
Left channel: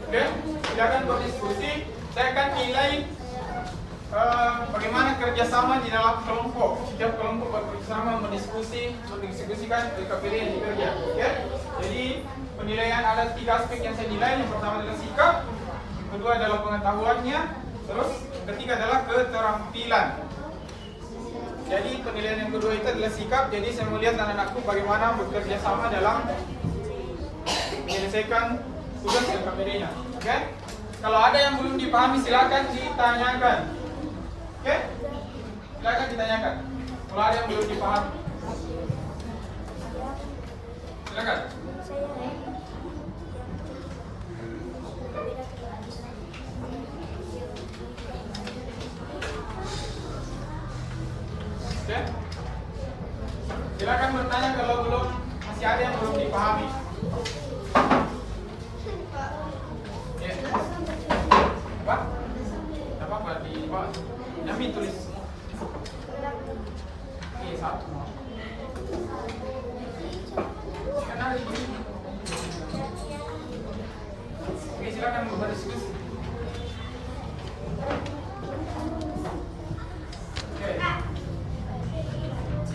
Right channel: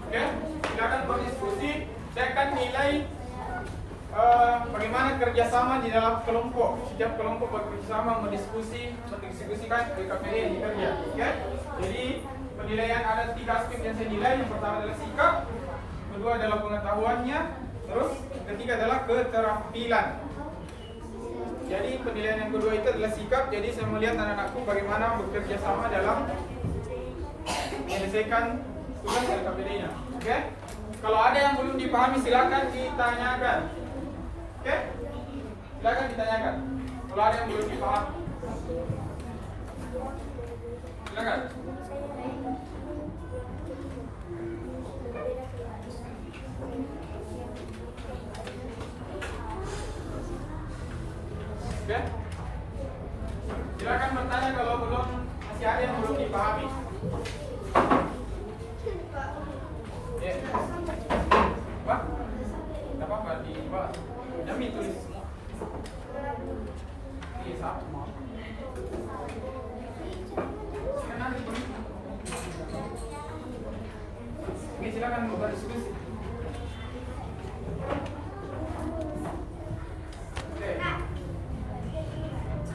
Oke, silakan berdiskusi. Saya akan nilai bagaimana kerjasama di dalam kelompok. Setiap kelompok bekerjasama mendiskusikan KPD yang dikerja. Oke, jadi penilaian ada 3 aspek yang saya nilai. Yang pertama adalah sikap, yang kedua adalah pengetahuannya, terus yang ketiga adalah keterampilan. Jadi penilaian yang kedua itu adalah sikap. Jadi saya melihat anak-anakku bagaimana bekerja sama dalam menyelesaikan tugas LKPD-nya. Oke? Kalau ada yang belum dipahami silakan ditanyakan. Oke? Silakan ditanyakan. Kalau ada yang belum dipahami. Silakan. Oke? Silakan bertanya kalau masih ada yang belum dipahami. Ya. Pak? Tidak apa-apa di bawah. Nyami tulis semua. Ini satu. Kenali. Oke, silakan berdiskusi. Oke.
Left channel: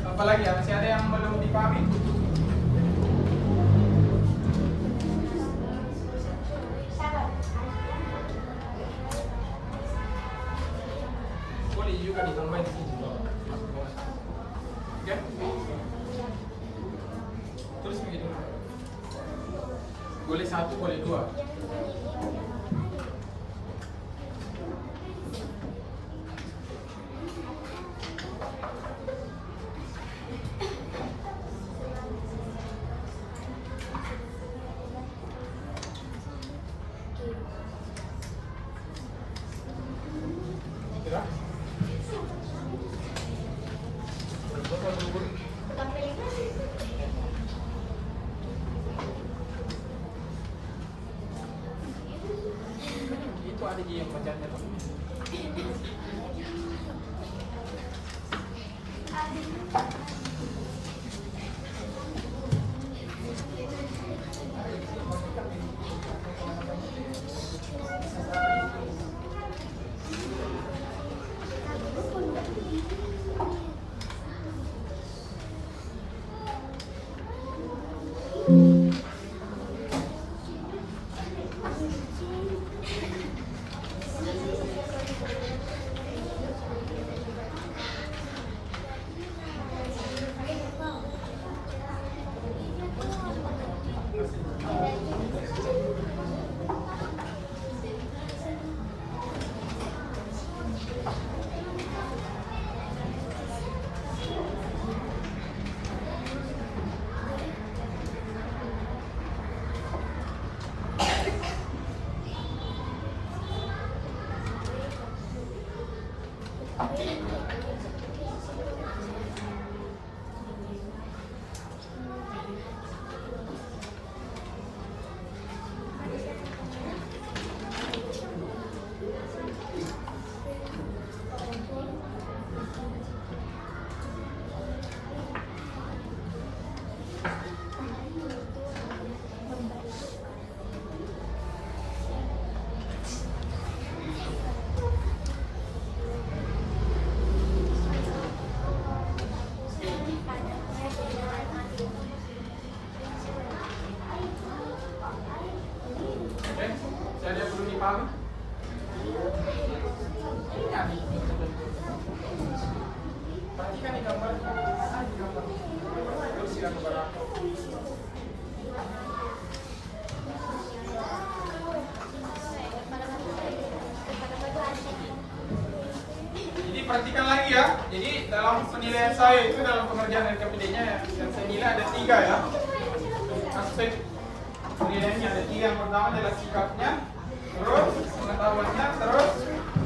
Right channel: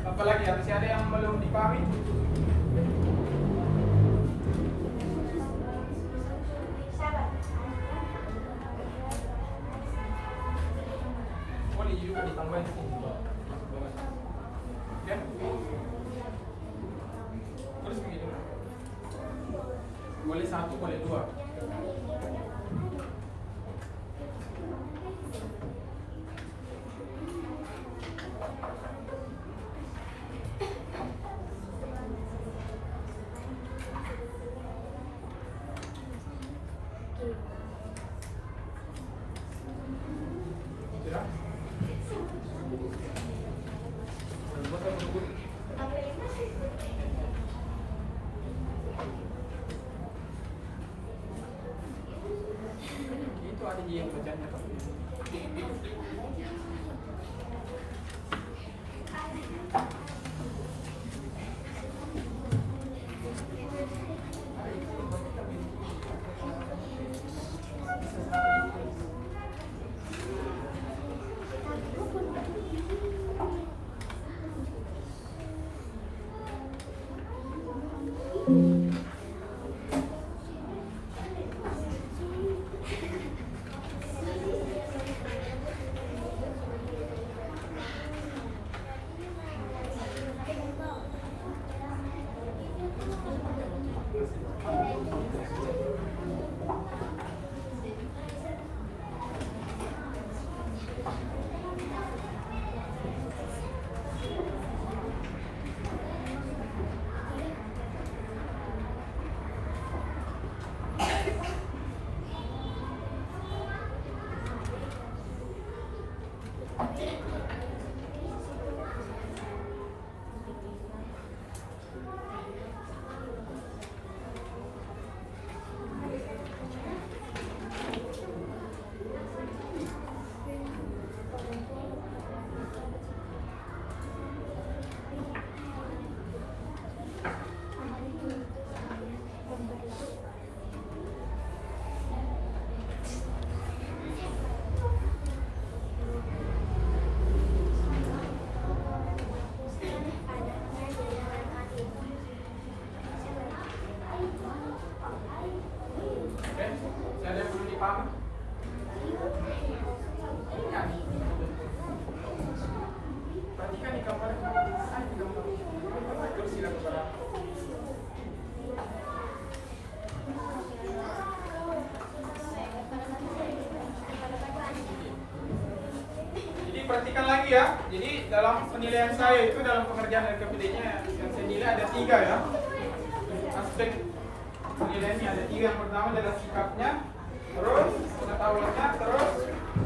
Apalagi masih ada yang belum dipahami? Boleh juga ditambahin sini. Oke? Terus begini. Boleh 1, boleh 2. Kira? Itu ada yang bacanya tuh. dipahami? Ya, perhatikan di gambar. Terus silakan berapa? Jadi perhatikan lagi ya. Jadi dalam penilaian saya itu dalam pengerjaan LKPD-nya yang saya nilai ada 3 ya. Aspek penilaiannya ada 3. Yang pertama adalah sikapnya, terus pengetahuannya, terus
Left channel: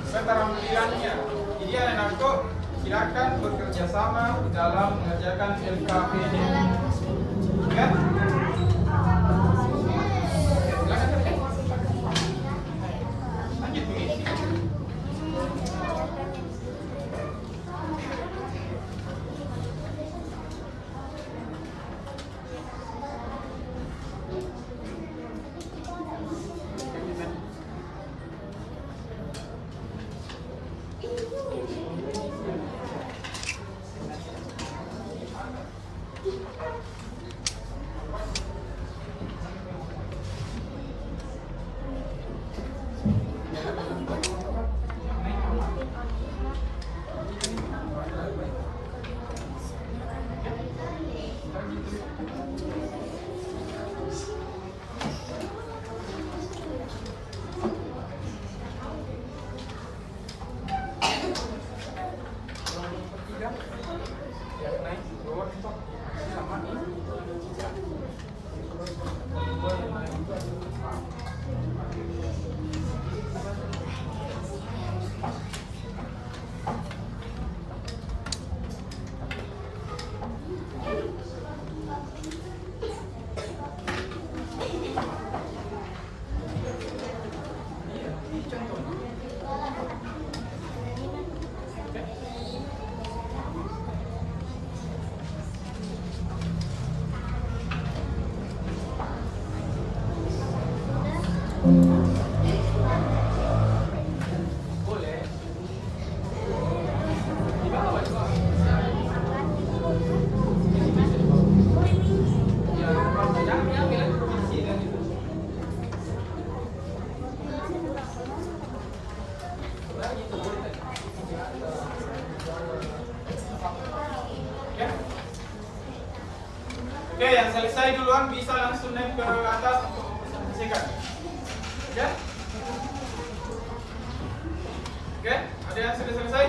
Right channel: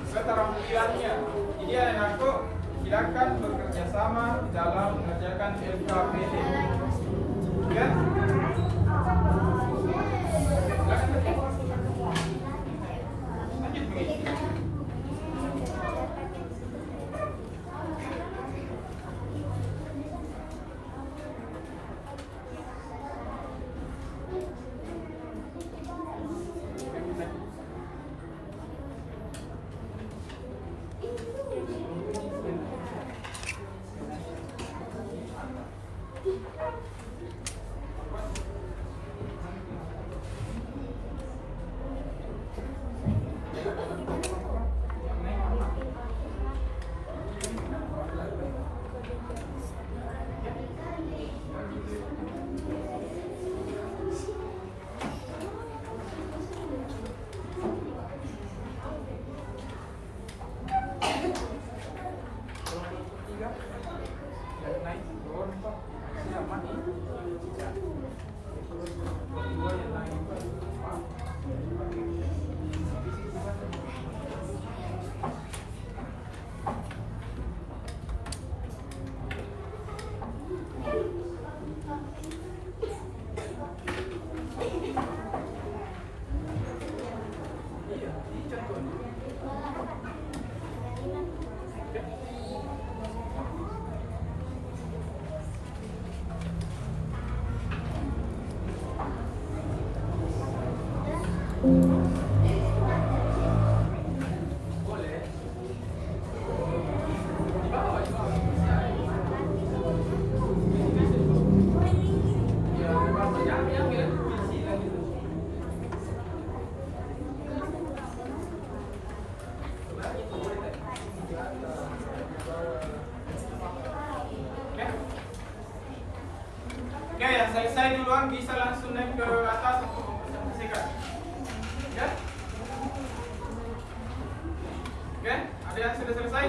keterampilannya. Jadi anak-anakku silakan bekerja sama dalam mengerjakan LKPD. Ya? Silakan terus. Lanjut begini. Oke, yang selesai duluan bisa langsung naik ke atas untuk mempresentasikan. Oke? Oke, ada yang sudah selesai?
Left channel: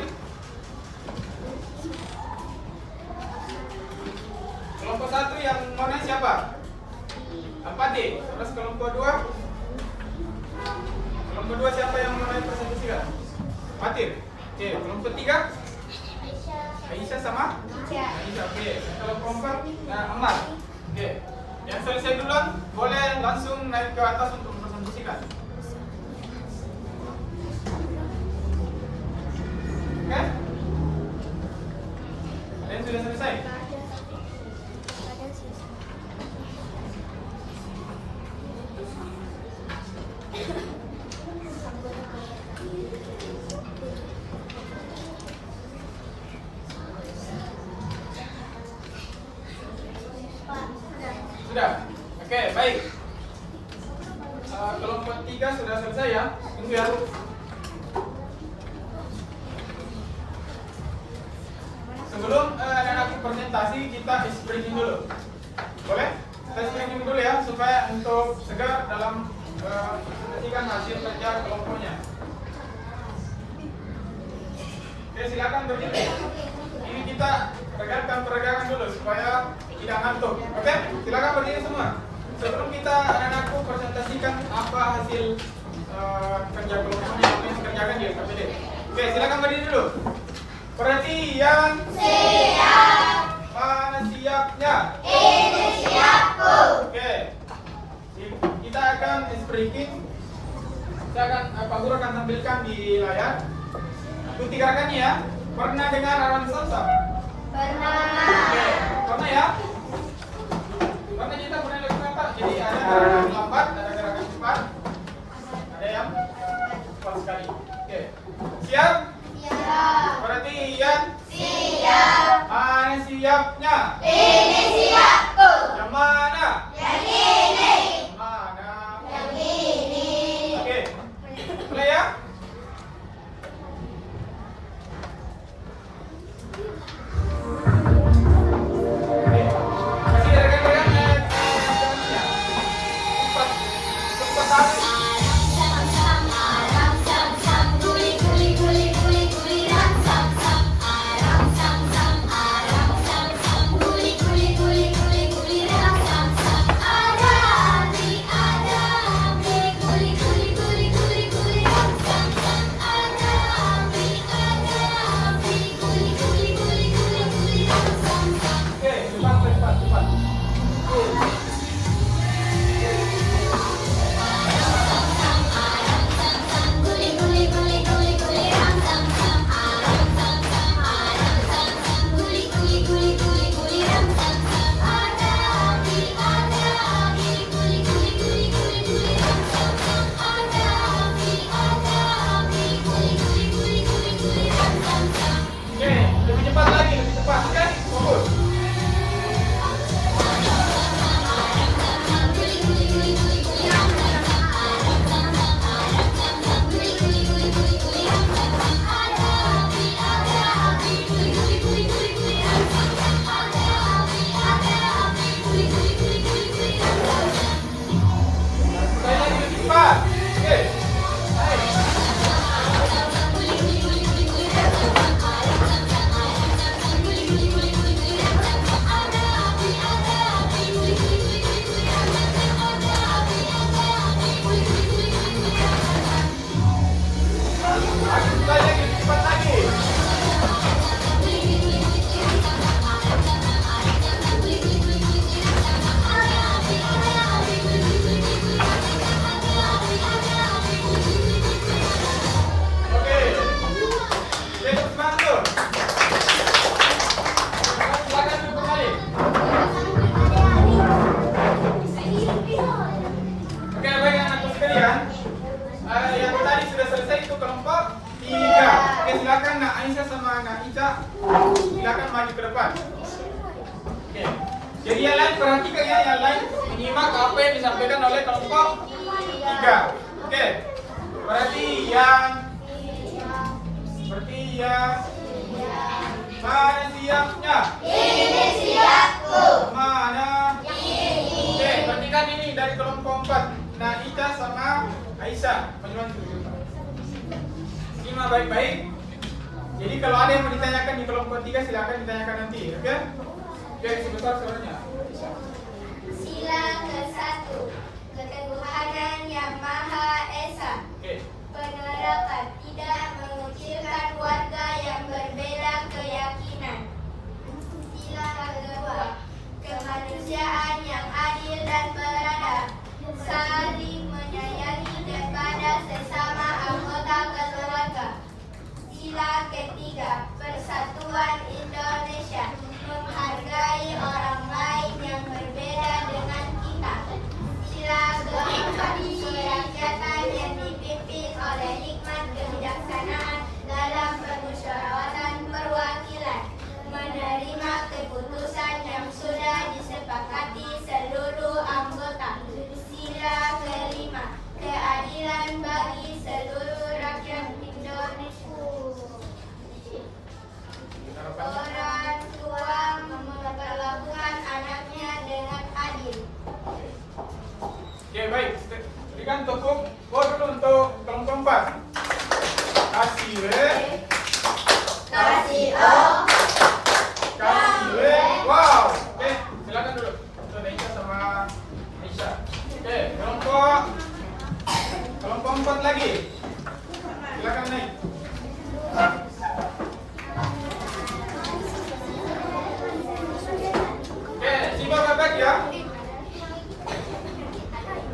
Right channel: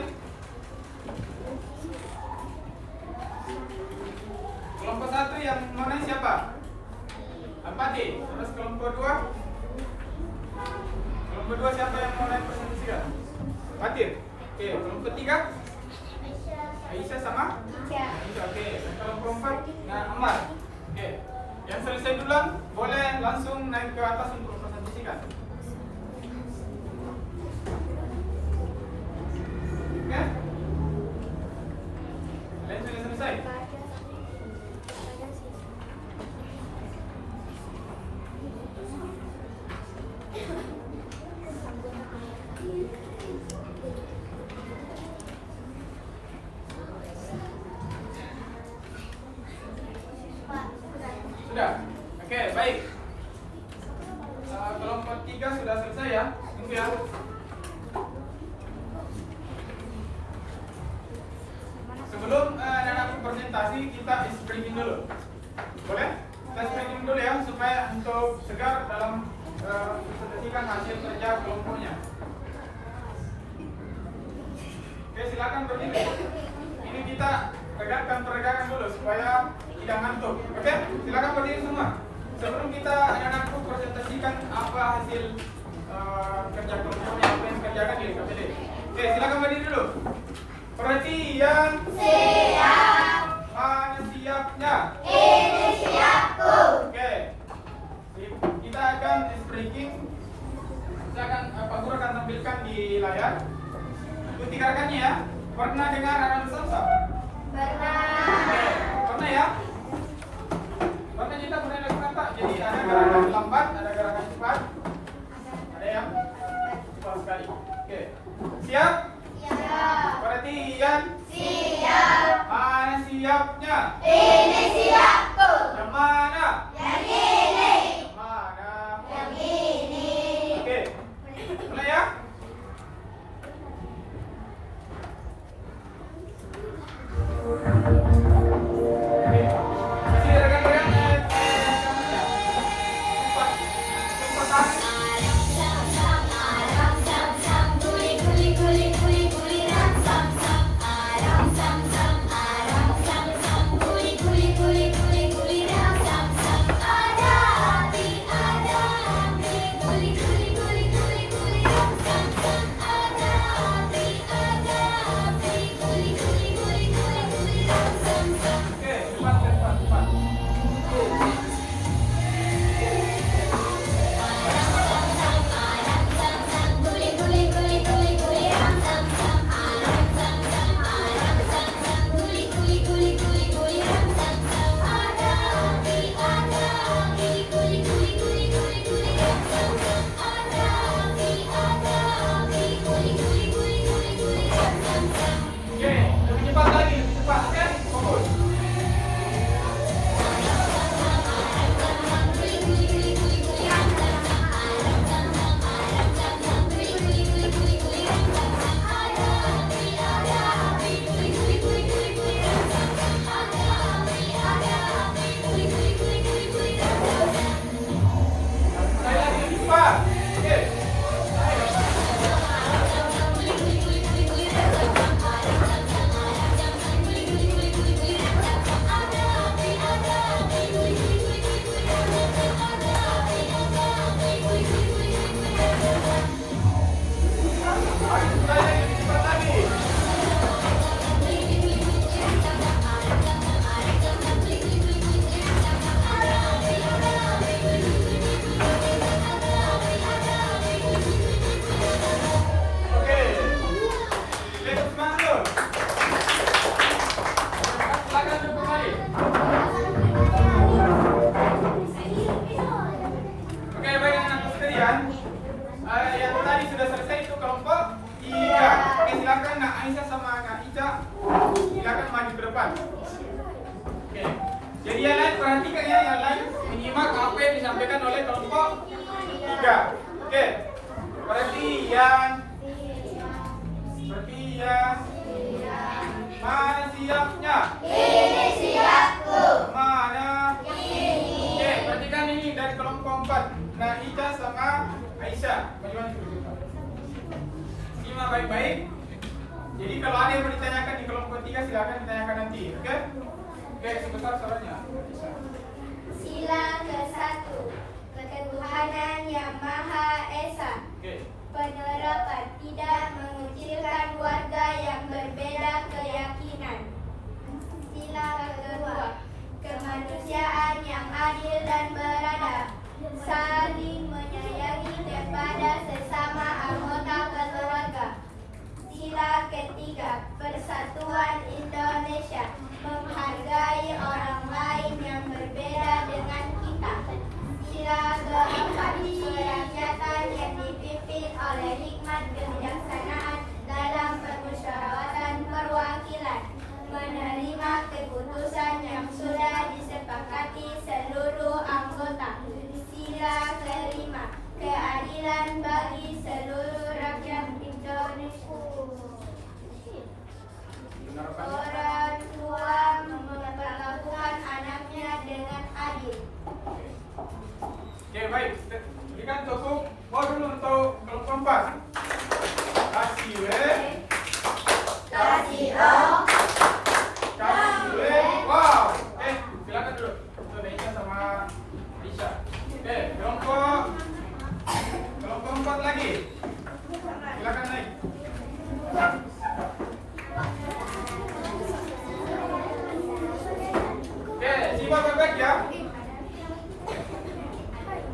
Kelompok 1 yang mana siapa? 4D. Terus kelompok 2? Kelompok 2 siapa yang mau naik presentasikan? Fatir. Oke, kelompok 3? Aisyah sama? Aisyah, oke. Kelompok 4? Ammar. Oke. Yang selesai duluan boleh langsung naik ke atas untuk mempresentasikan. Oke? Yang sudah selesai? Sudah? Oke, baik. Kelompok 3 sudah selesai ya? Tunggu ya. Sebelum anak-anak presentasi, kita screening dulu. Boleh? Kita screening dulu ya, supaya untuk segar dalam presentasikan hasil kerja kelompoknya. Oke, silakan berdiri. Ini kita regangkan peregangan dulu supaya tidak ngantuk. Oke, silakan berdiri semua. Sebelum kita anak-anakku presentasikan apa hasil kerja kelompoknya yang dikerjakan di LKPD. Oke, silakan berdiri dulu. Perhatian. Siap. Mana siapnya? Ini siapku. Oke. Kita akan speaking. Kita akan Pak Guru akan tampilkan di layar. Ikuti gerakannya ya. Pernah dengar aran salsa? Pernah. Oke, pernah ya? Pernah kita pernah lakukan apa? Jadi ada gerakan lambat, ada gerakan cepat. Ada yang cepat sekali. Oke. Siap? Siap. Perhatian. Siap. Mana siapnya? Ini siapku. Yang mana? Yang ini. Mana? Yang ini. Oke. Yang tadi sudah selesai itu kelompok 3. Oke, silakan Nak Aisyah sama Nak Ica, silakan maju ke depan. Oke. Jadi yang lain perhatikan ya, yang lain menyimak apa yang disampaikan oleh kelompok 3. Oke. Perhatian. Mana siapnya? Ini siapku. Mana? Ini. Oke, perhatikan ini dari kelompok 4. Nah, Ica sama Aisyah, majuan dulu. Simak baik-baik. Jadi kalau ada yang mau ditanyakan di kelompok 3 silakan ditanyakan nanti, oke? Oke, sebesar suaranya. Sila ke-1, ketuhanan yang Maha Esa. Oke. Penerapan tidak mengucilkan keluarga yang berbeda keyakinan. Sila ke-2, kemanusiaan yang adil dan beradab, saling menyayangi kepada sesama anggota keluarga. Sila ke-3, persatuan Indonesia, menghargai orang lain yang berbeda dengan kita. Sila ke-4, kerakyatan yang dipimpin oleh hikmat kebijaksanaan dalam permusyawaratan perwakilan, menerima keputusan yang sudah disepakati seluruh anggota. Sila ke-5, keadilan bagi seluruh rakyat Indonesia. Orang tua memperlakukan anaknya dengan adil. Oke, baik. Berikan tepuk bol dulu untuk kelompok 4. Kasih we. Kasih O. Kasih we. Wow. Oke, silakan dulu untuk Aisyah sama Aisyah. Oke, kelompok 4 lagi. Silakan naik. Oke, simak baik-baik ya.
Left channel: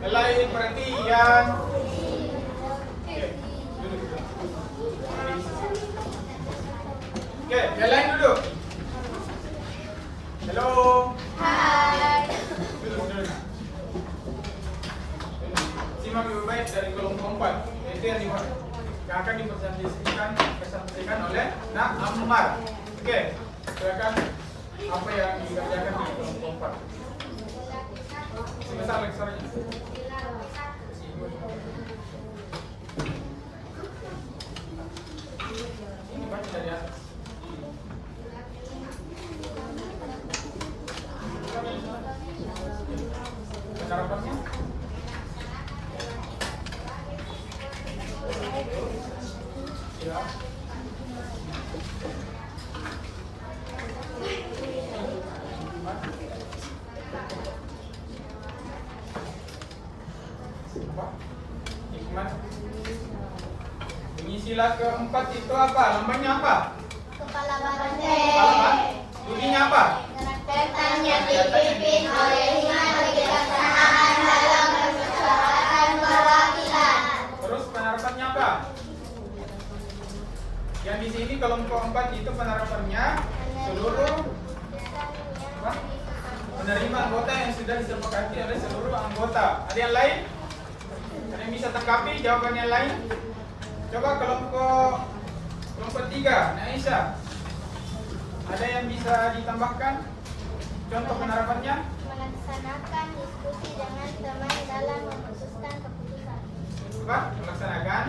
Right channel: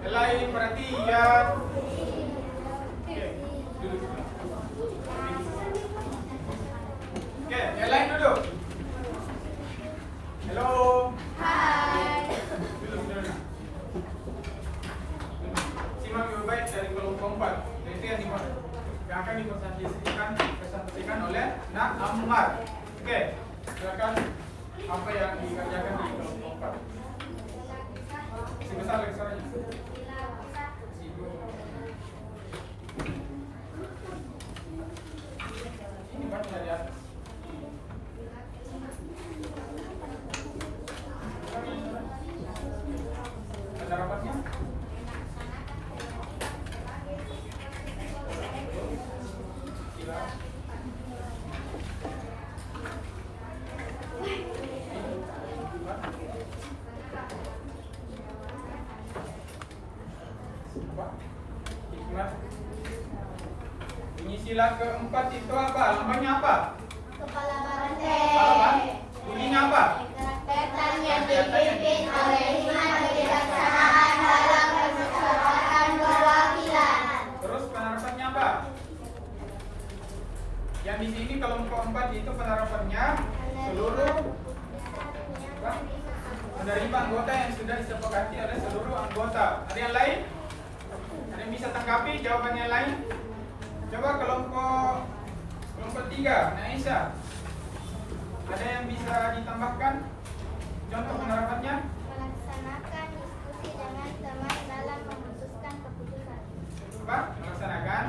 Lain perhatian. Oke, duduk. Oke, yang lain duduk. Halo. Hai. Duduk. Simak baik-baik dari kelompok 4. Itu yang akan dipresentasikan oleh Nak Ammar. Oke, silakan apa yang dikerjakan di kelompok 4. Sebesar leksernya. Ini baca dari atas. Cara pasnya? Apa? Hikmat. Bunyi sila keempat itu apa? Lambangnya apa? Kepala banteng. Apa? Bunyinya apa? Setan yang dipimpin oleh hikmat kebijaksanaan dalam permusyawaratan perwakilan. Terus penerapannya apa? Yang di sini kelompok 4 itu penerapannya seluruh apa? Menerima anggota yang sudah disepakati oleh seluruh anggota. Ada yang lain? Ada yang bisa tanggapi jawaban yang lain? Coba kelompok 3, Aisyah. Ada yang bisa ditambahkan contoh penerapannya? Melaksanakan diskusi dengan teman dalam memutuskan keputusan. Apa? Melaksanakan.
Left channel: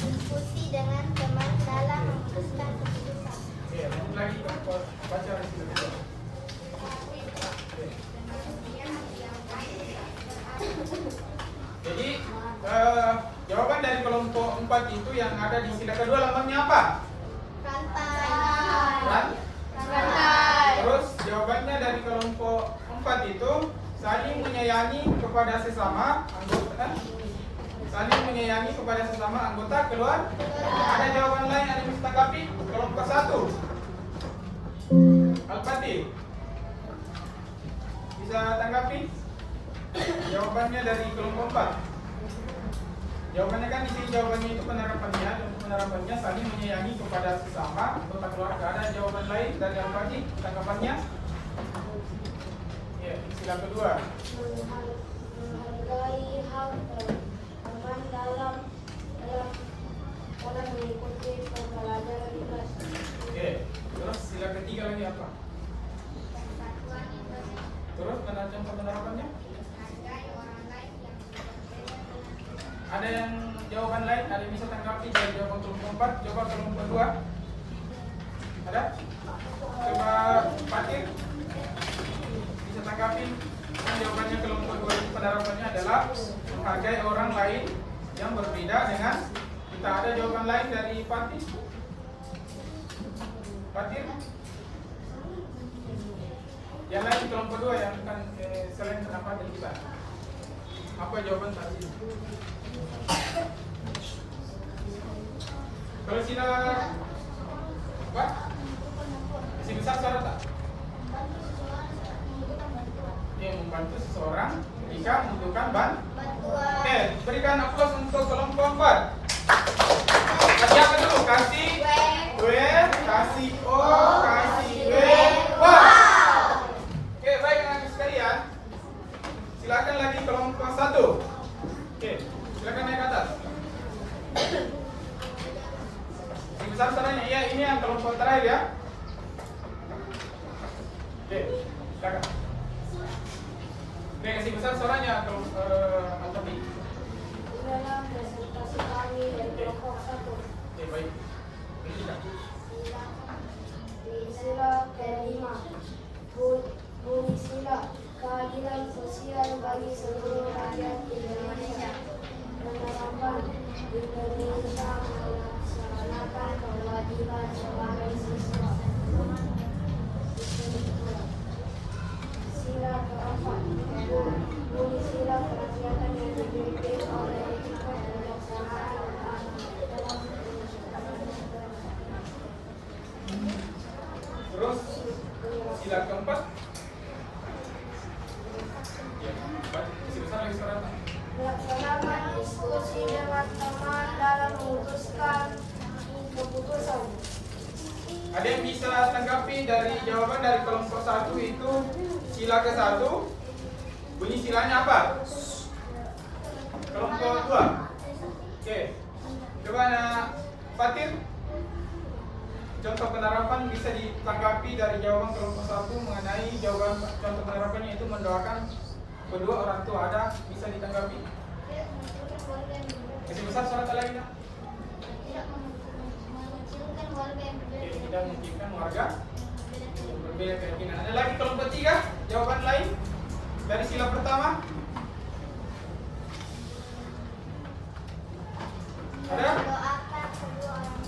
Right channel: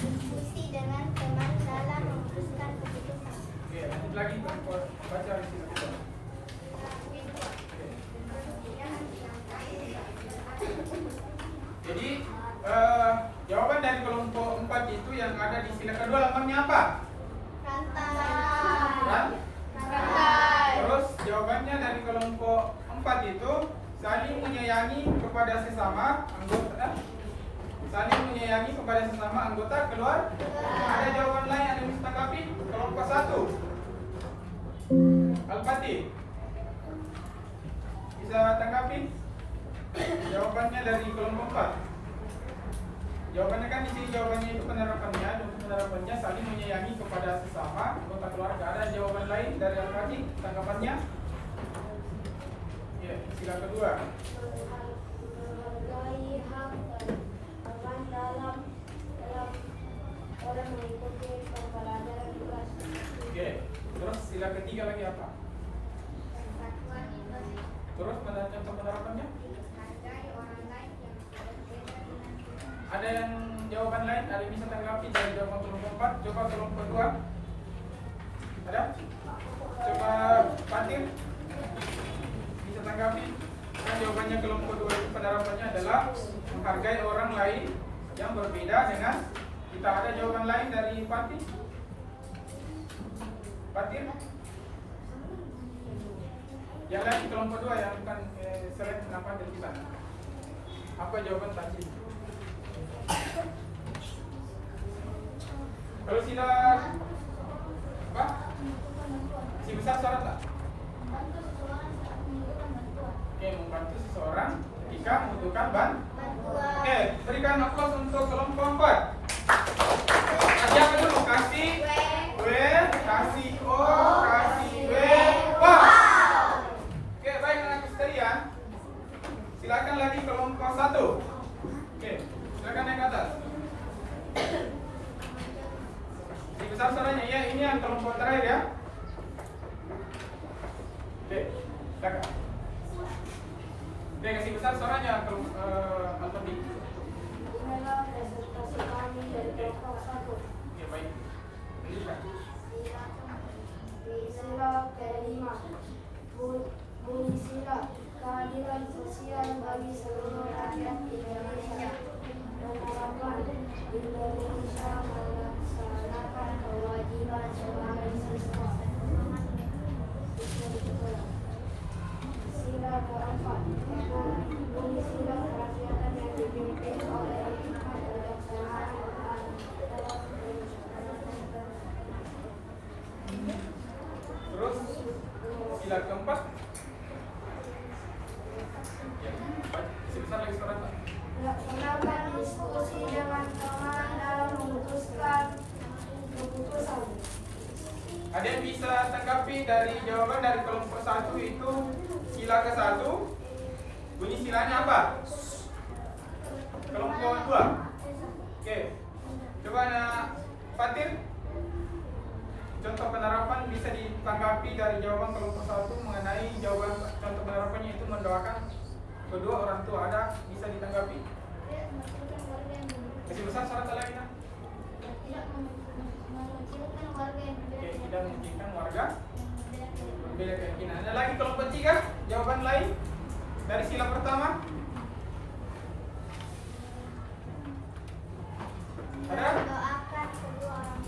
Diskusi dengan teman dalam memutuskan keputusan. Oke, lanjut lagi. Baca review. Jadi jawaban dari kelompok 4 itu yang ada di sila kedua lambangnya apa? Rantai. Rantai. Terus jawabannya dari kelompok 4 itu saling menyayangi kepada sesama anggota. Saling menyayangi kepada sesama anggota keluar. Ada jawaban lain yang bisa tanggapi? Kelompok 1. Al-Fatih. Bisa tanggapi? Jawabannya dari kelompok 4. Jawabannya kan di sini jawabannya itu penerapannya saling menyayangi kepada sesama anggota keluarga. Ada jawaban lain dari Al-Fatih tanggapannya? Ya, sila kedua. Menghargai hak teman dalam orang mengikuti pembelajaran di kelas. Oke, terus sila ketiga lagi apa? Terus ada contoh penerapannya? Ada yang jawaban lain? Ada yang bisa tanggapi dari jawaban kelompok 4? Coba kelompok 2. Ada? Coba Fatir bisa tanggapi? Dan jawabannya kelompok 2 itu penerapannya adalah menghargai orang lain yang berbeda dengan kita. Ada jawaban lain dari Fatir? Fatir? Yang lain di kelompok 2 yang bukan selain pendapat dari kita. Apa jawaban Fatir? Kalau sila apa? Masih besar suara tak? Membantu seseorang ketika membutuhkan bantuan. Oke, berikan aplaus untuk kelompok 4. Kasih apa dulu? Kasih W, kasih O, kasih W. Wow. Oke, baik anak-anak sekalian. Silakan lagi kelompok 1. Oke, silakan naik ke atas. Besar suaranya, ya ini yang kelompok terakhir ya. Oke, silakan. Oke, kasih besar suaranya kelompok Al-Tabi. Inilah presentasi kami dari kelompok 1. Oke, baik. Berikan. Di sila kelima, bunyi sila keadilan sosial bagi seluruh rakyat Indonesia. Penerapan Indonesia melaksanakan kewajiban sebagai siswa sekolah. Sila keempat, bunyi sila kerakyatan yang dipimpin oleh hikmat kebijaksanaan dalam Terus sila keempat. Ya, kasih besar lagi suaranya. melaksanakan diskusi dengan teman dalam memutuskan keputusan. Ada yang bisa tanggapi dari jawaban dari kelompok 1 itu sila ke-1? Bunyi silanya apa? Kelompok 2. Oke. Coba anak Fatir. Contoh penerapan bisa ditanggapi dari jawaban kelompok 1 mengenai jawaban contoh penerapannya itu mendoakan kedua orang tua. Ada bisa ditanggapi? Masih besar suara lainnya? Oke, tidak menginginkan warga berbeda keyakinan. Ada lagi kelompok 3, jawaban lain dari sila pertama? Ada?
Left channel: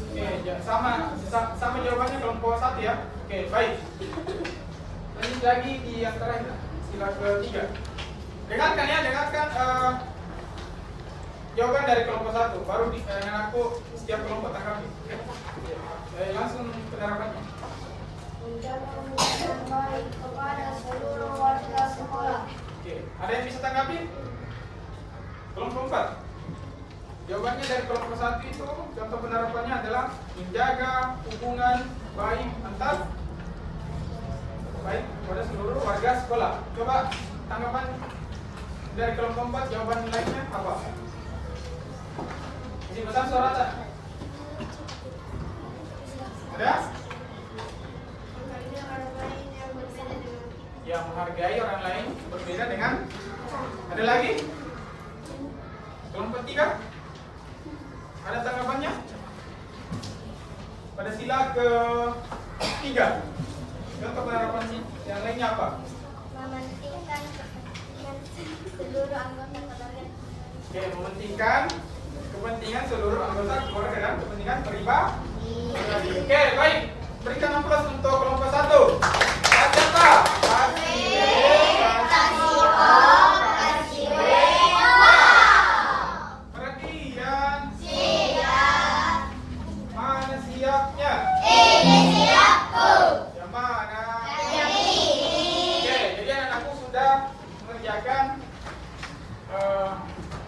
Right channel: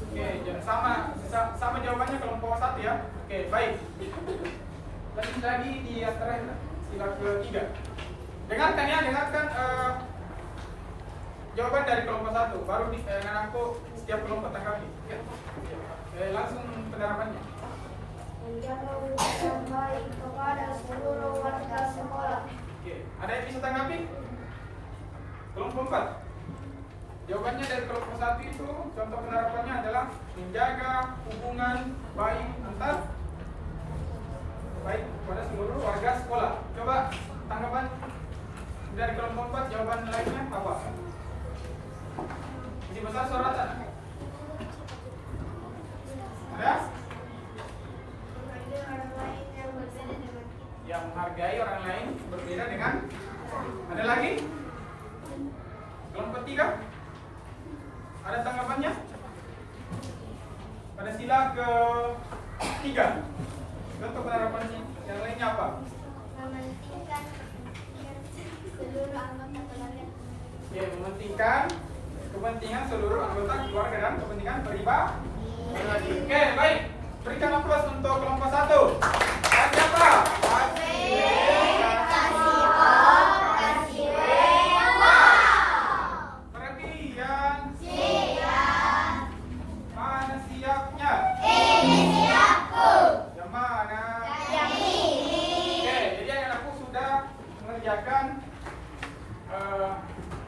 Oke, sama jawabannya kelompok 1 ya. Oke, baik. Lanjut lagi di antara sila ketiga. Dengarkan ya, dengarkan jawaban dari kelompok 1, baru dengan aku setiap kelompok tanggapi. Oke? Langsung penerapannya. Menjaga hubungan baik kepada seluruh warga sekolah. Oke, ada yang bisa tanggapi? Kelompok 4. Jawabannya dari kelompok 1 itu contoh penerapannya adalah menjaga hubungan baik pada seluruh warga sekolah. Coba tanggapan dari kelompok 4, jawaban lainnya apa? Isi besar suara tak? Ada? Ya, menghargai orang lain berbeda dengan. Ada lagi? Kelompok 3? Ada tanggapannya? Pada sila ke-3, contoh penerapan yang lainnya apa? Mementingkan kepentingan seluruh anggota keluarga. Oke, mementingkan kepentingan seluruh anggota keluarga dan kepentingan pribadi. Oke, baik. Berikan aplaus untuk kelompok 1. Kasih apa? Perhatikan. Mana siapnya? Yang mana? Oke, jadi anak-anakku sudah mengerjakan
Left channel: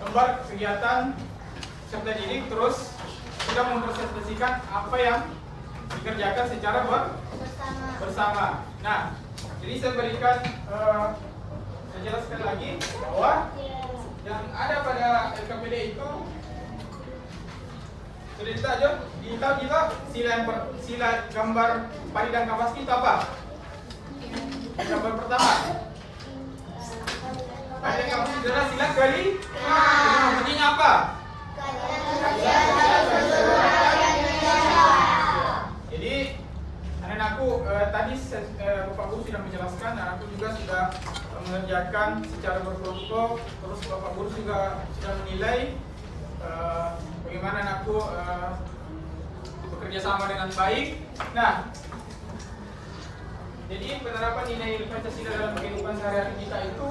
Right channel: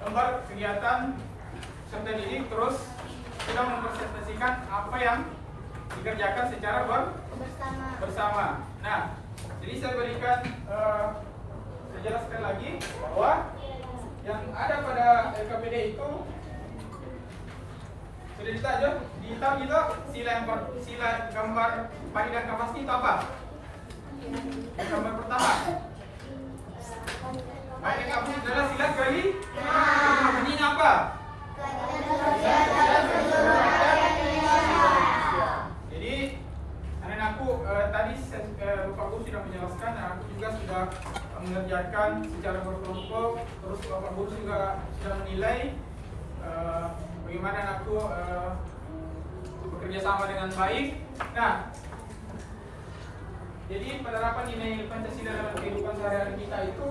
lembar kegiatan serta didik, terus sudah mempresentasikan apa yang dikerjakan secara bersama. Nah, jadi saya berikan, saya jelaskan lagi bahwa yang ada pada LKPD itu sudah ditahu kita sila gambar padi dan kapas itu apa? Gambar pertama, padi dan kapas itu adalah sila kelima. Bunyinya apa? Jadi anak-anakku tadi Bapak Guru sudah menjelaskan, anakku juga sudah mengerjakan secara berkelompok, terus Bapak Guru juga sudah menilai bagaimana anakku bekerja sama dengan baik. Nah, jadi penerapan nilai Pancasila dalam kehidupan sehari-hari kita itu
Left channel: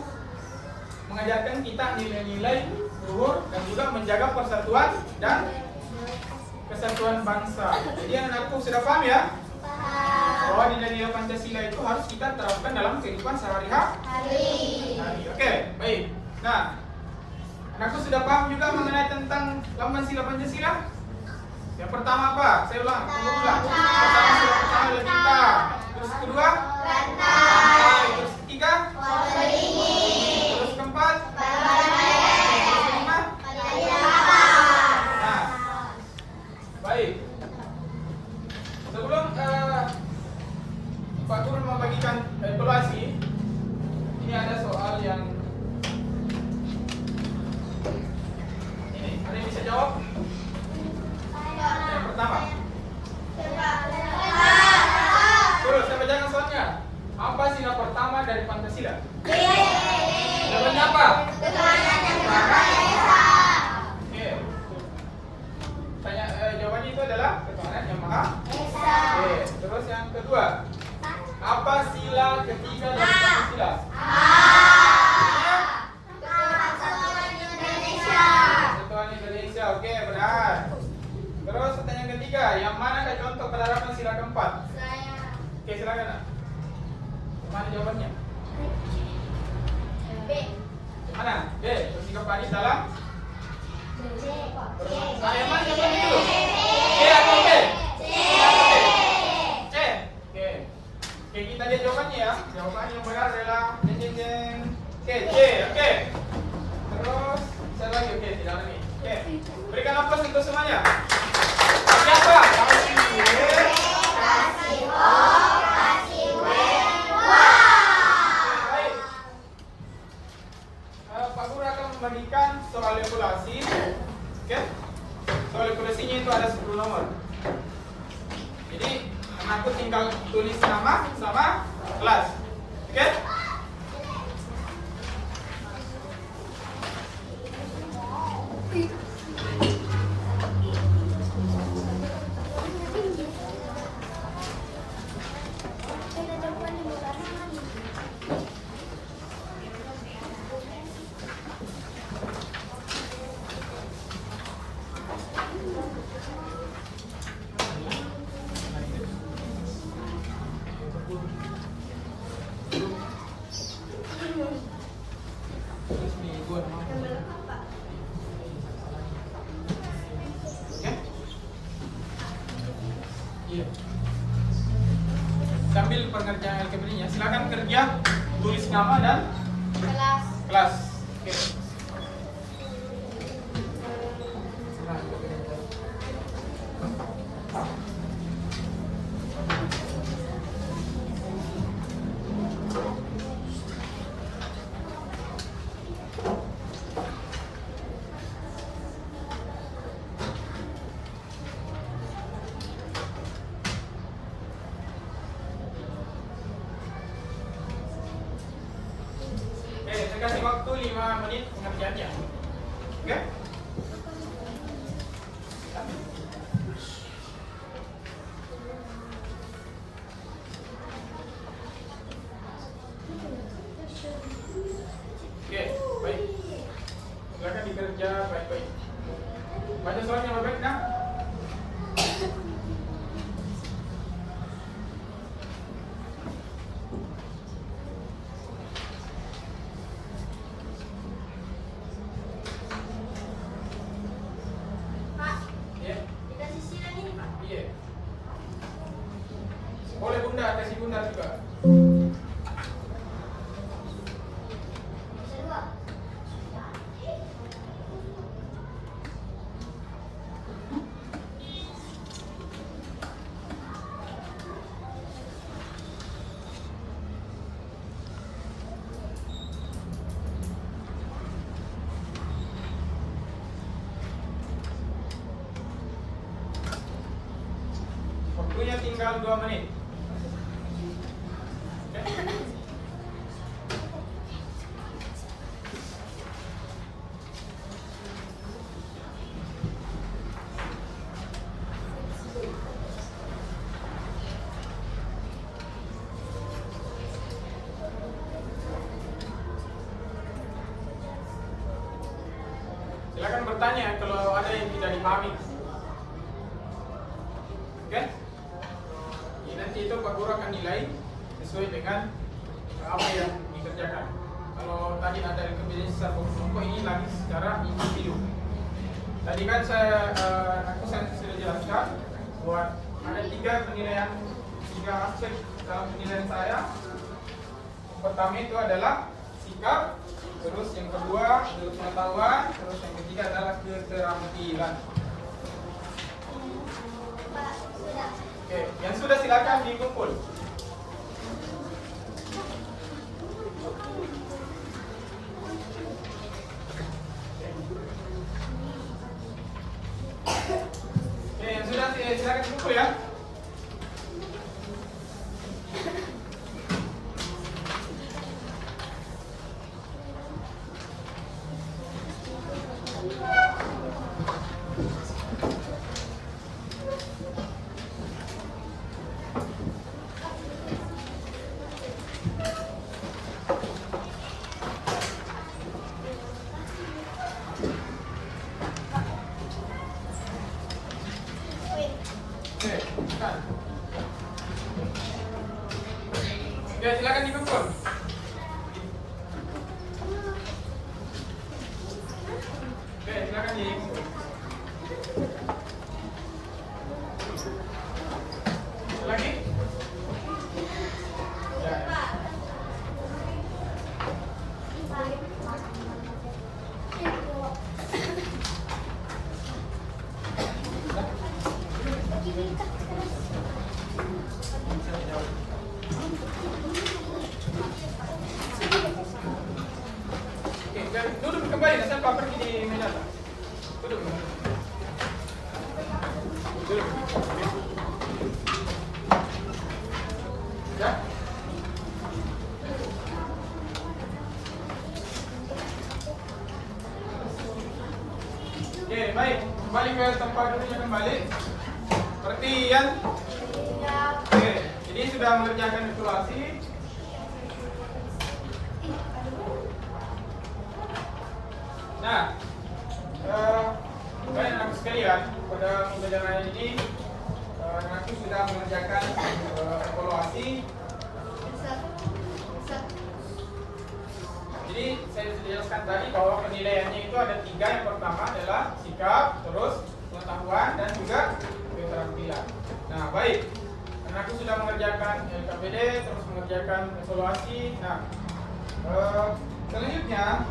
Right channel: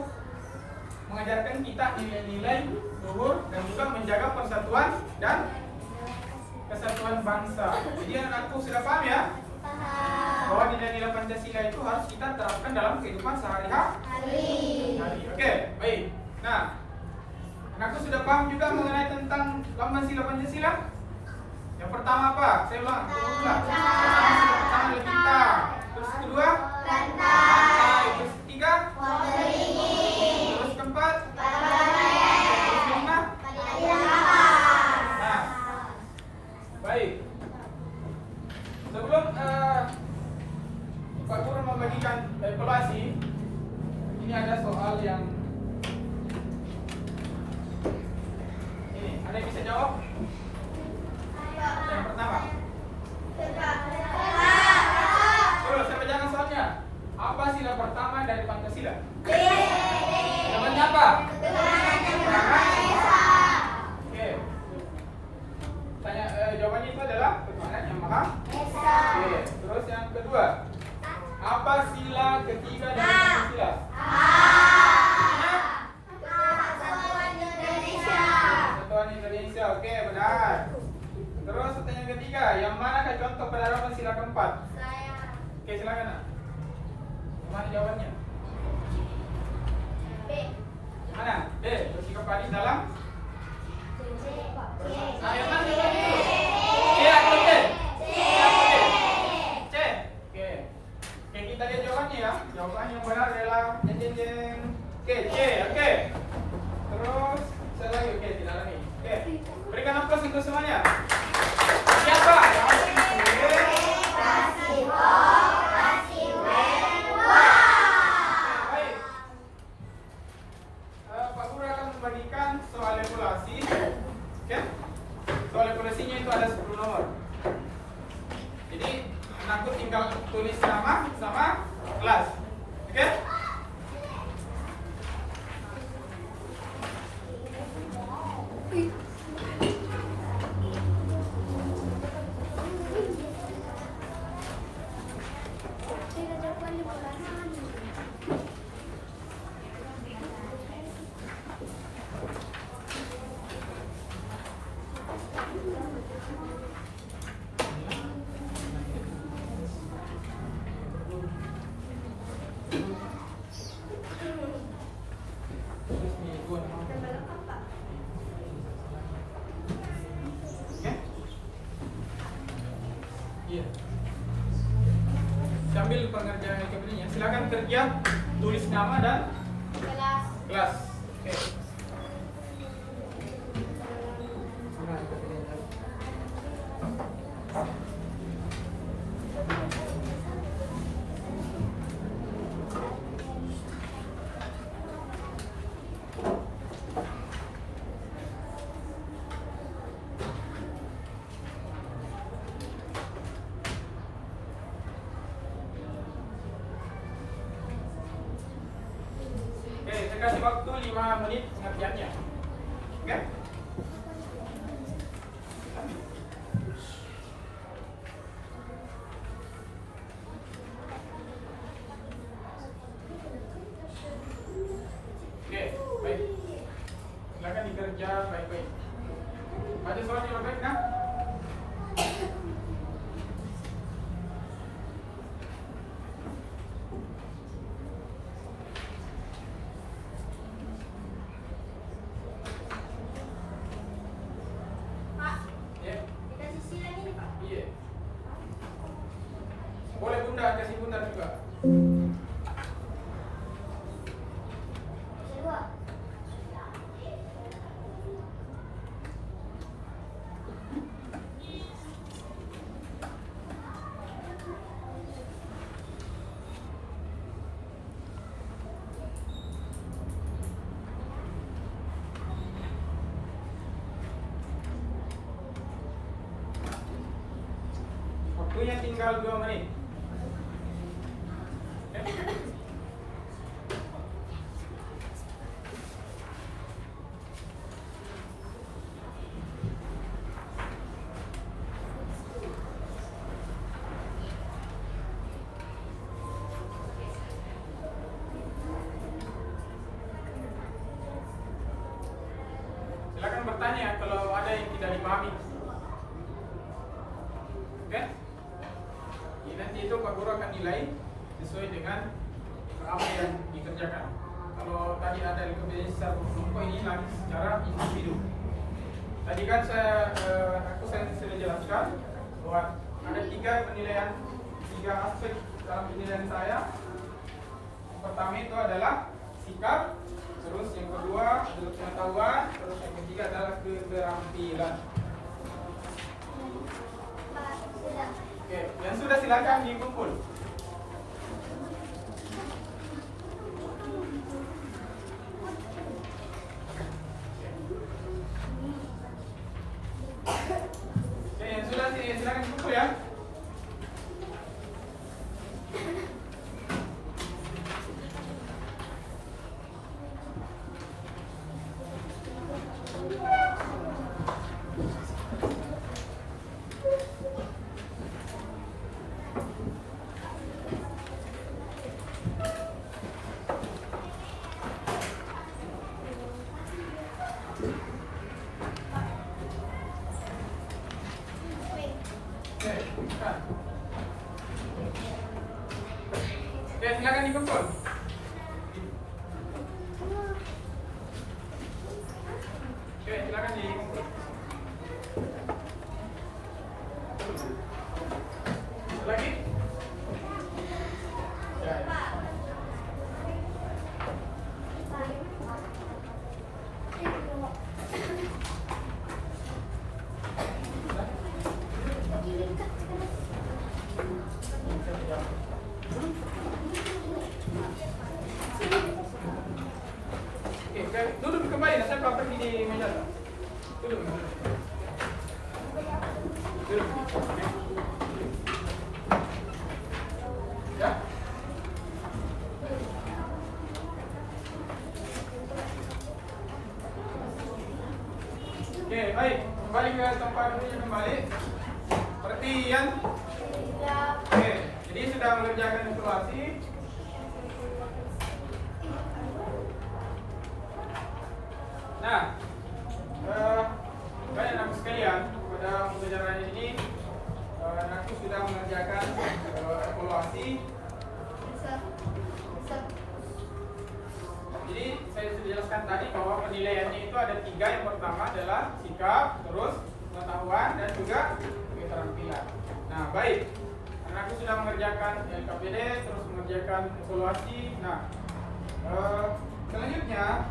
mengajarkan kita nilai-nilai luhur dan juga menjaga persatuan dan kesatuan bangsa. Jadi anak-anakku sudah paham ya? Bahwa nilai-nilai Pancasila itu harus kita terapkan dalam kehidupan sehari-hari. Oke, baik. Nah, anakku sudah paham juga mengenai tentang lambang sila Pancasila? Yang pertama apa? Saya ulang, tunggu ulang. Pertama, sila pertama adalah bintang. Terus kedua? Bantang. Terus ketiga? Terus keempat? Terus kelima? Nah, baik. Sebelum Pak Guru mau bagikan evaluasi, ini ada soal yang ini. Ada yang bisa jawab? Yang pertama. Terus saya bacakan soalnya. Apa sila pertama dari Pancasila? Jawabannya apa? Oke. Jawabannya itu adalah ketuhanan yang Maha Esa. Oke. Terus yang kedua. Apa sila ketiga dari Pancasila? Kesatuan Indonesia. Oke, benar. Terus pertanyaan ketiga, yang mana ada contoh penerapan sila keempat? Oke, silakan. Mana jawabannya? Mana? B. Bersikap adil dalam? Yang mana jawabannya itu? C atau B? C. Oke. Oke, kita lihat jawabannya ya. Jawaban yang benar adalah jeng. Oke, C. Oke. Terus saya lagi. Oke, tidak lagi. Oke. Berikan aplaus untuk semuanya. Siapa? Pak Guru akan membagikan soal evaluasi. Oke? Soal evaluasinya itu ada 10 nomor. Jadi anakku tinggal tulis nama sama kelas. Oke? Iya. Sambil pengerjaan LKPD-nya, silakan kerja, tulis nama dan Kelas. kelas. Oke. Nah, saya kasih waktu 5 menit pengerjaannya. Oke? Oke, baik. Silakan dikerja baik-baik. Baca suratnya baik-baik, nah? Pak, Iya. dikasih silang ini, Pak. Iya. Boleh bunda, kasih bunda juga. Kedua. Waktunya tinggal 2 menit. Silakan bertanya kalau ada yang tidak dipahami. Oke? Ya, nanti itu Pak Guru akan nilai sesuai dengan apa yang dikerjakan. Kalau tadi ada kebiasaan secara kelompok, ini lagi secara individu. Tadi kan aku sudah jelaskan bahwa ada 3 penilaian, 3 aspek dalam penilaian saya. Yang pertama itu adalah sikap, terus yang kedua adalah pengetahuan, terus yang ketiga adalah keterampilan. Pak, sudah. Oke, yang sudah silakan dikumpul. Oke, yang sudah silakan dikumpul ya. Wait. Oke, silakan. Oke, silakan dikumpul. Oke, silakan dikumpul. Lagi? Ya. Oke, duduk kembali. Saya pergi di meja. Duduk. Duduk. Ya. Oke, baik. Kembali ke tempat duduknya kembali. Perhatian. Ya. Oke, jadi sudah mengerjakan evaluasi. Nah, kalian anak sekalian, pada pembelajaran ini anakku sudah mengerjakan evaluasi. Jadi saya sudah jelaskan tadi bahwa penilaiannya itu ada 3. Yang pertama adalah sikap, terus pengetahuan, dan juga keterampilan. Nah, baik. Anakku sudah mengerjakan LKPD, terus mengerjakan evaluasi. Nah, selanjutnya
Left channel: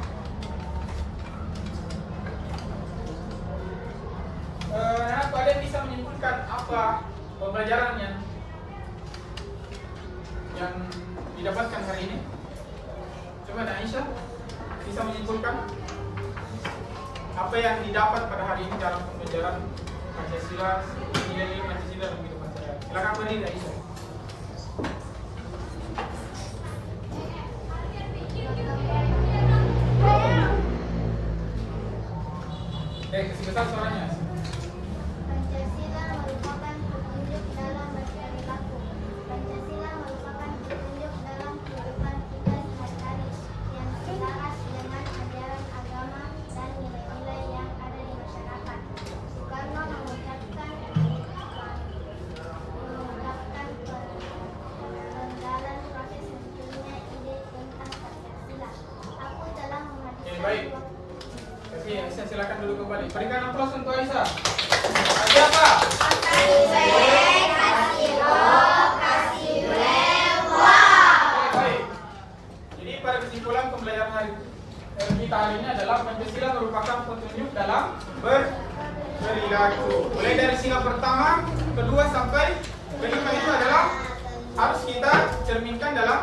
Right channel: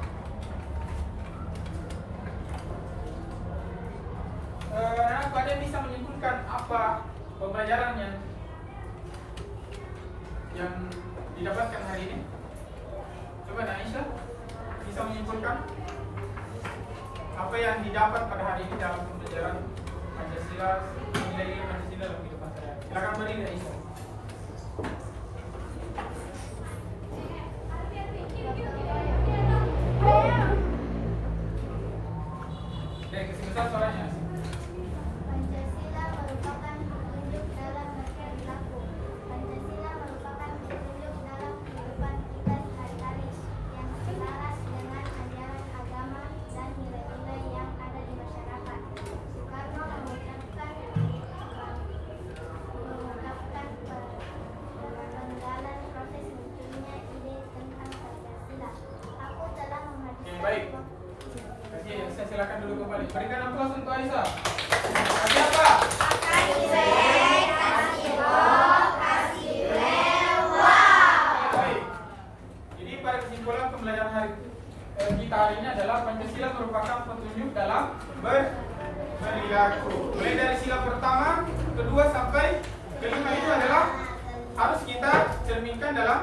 anakku ada yang bisa menyimpulkan apa pembelajaran yang didapatkan hari ini? Coba Aisyah bisa menyimpulkan apa yang didapat pada hari ini dalam pembelajaran Pancasila, nilai-nilai Pancasila dalam kehidupan sehari-hari. Silakan berdiri Aisyah. Kasih besar suaranya. Pancasila merupakan petunjuk dalam berperilaku. Pancasila merupakan petunjuk dalam kehidupan kita sehari-hari yang selaras dengan ajaran agama dan nilai-nilai yang ada di masyarakat. Soekarno mengucapkan penggalan proses munculnya ide tentang Pancasila. Aku telah Oke, baik. menghabiskan Saya silakan dulu kembali. Berikan aplaus untuk Aisyah. Siapa? Baik. Jadi pada kesimpulan pembelajaran kita hari ini adalah Pancasila merupakan petunjuk dalam berperilaku. Mulai dari sila pertama, kedua sampai kelima itu adalah harus kita cerminkan dalam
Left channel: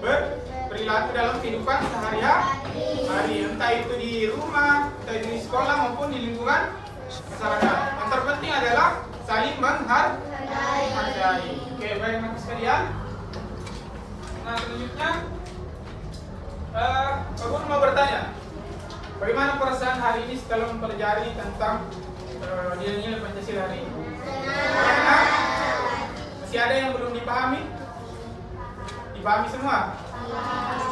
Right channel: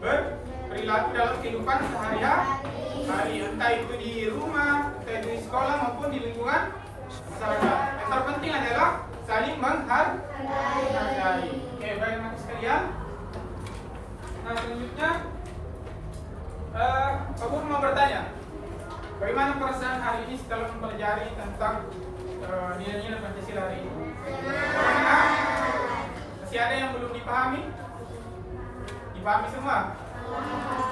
berperilaku dalam kehidupan sehari-hari, entah itu di rumah, entah itu di sekolah maupun di lingkungan masyarakat. Yang terpenting adalah saling menghargai. Oke, baik anak sekalian. Nah, selanjutnya Pak Guru mau bertanya, bagaimana perasaan hari ini setelah mempelajari tentang nilai-nilai Pancasila hari ini? Bagaimana? Masih ada yang belum dipahami? Dipahami semua?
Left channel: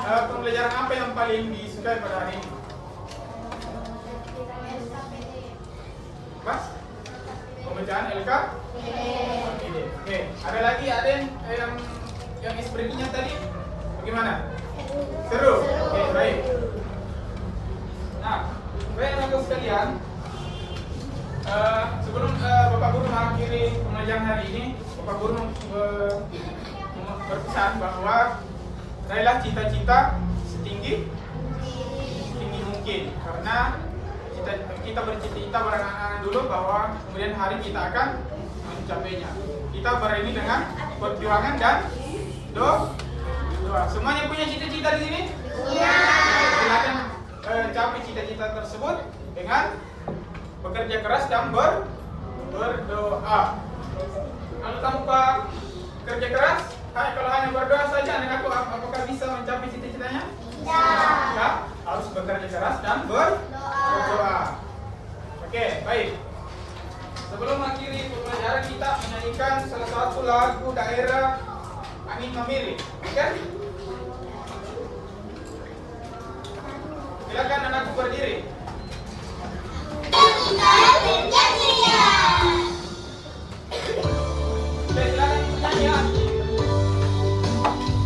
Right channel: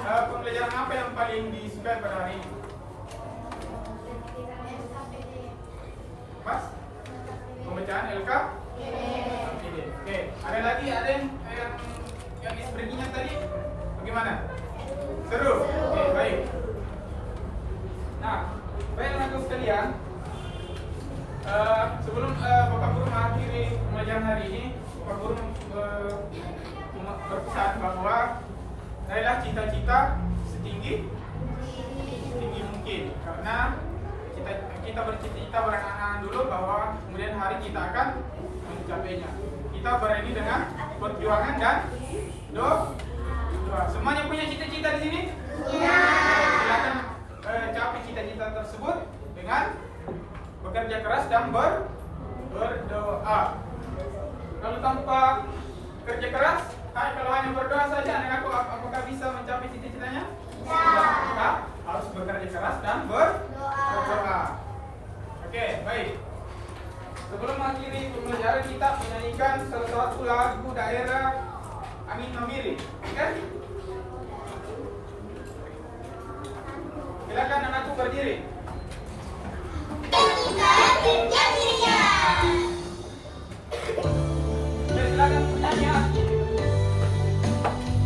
Pembelajaran apa yang paling disukai pada hari ini? Mas? Pembacaan LKPD. Oke, ada lagi yang ekspresinya tadi bagaimana? Seru. Oke, baik. Nah, baik teman-teman sekalian, sebelum Bapak Guru mengakhiri pembelajaran hari ini, Bapak Guru berpesan bahwa raihlah cita-cita setinggi mungkin, karena kita bercita-cita berangan-angan dulu bahwa kemudian hari kita akan mencapainya. Kita berani dengan perjuangan dan doa. Semuanya punya cita-cita di sini? Iya. Silakan capai cita-cita tersebut dengan bekerja keras dan berdoa. Kalau tanpa kerja keras, kalau hanya berdoa saja, apakah bisa mencapai cita-citanya? Tidak. Harus bekerja keras dan berdoa. Oke, baik. Sebelum mengakhiri pembelajaran, kita menyanyikan salah satu lagu daerah Angin Mamiri. Oke? Silakan anakku berdiri. Silakan nyanyi lagi. Thank you.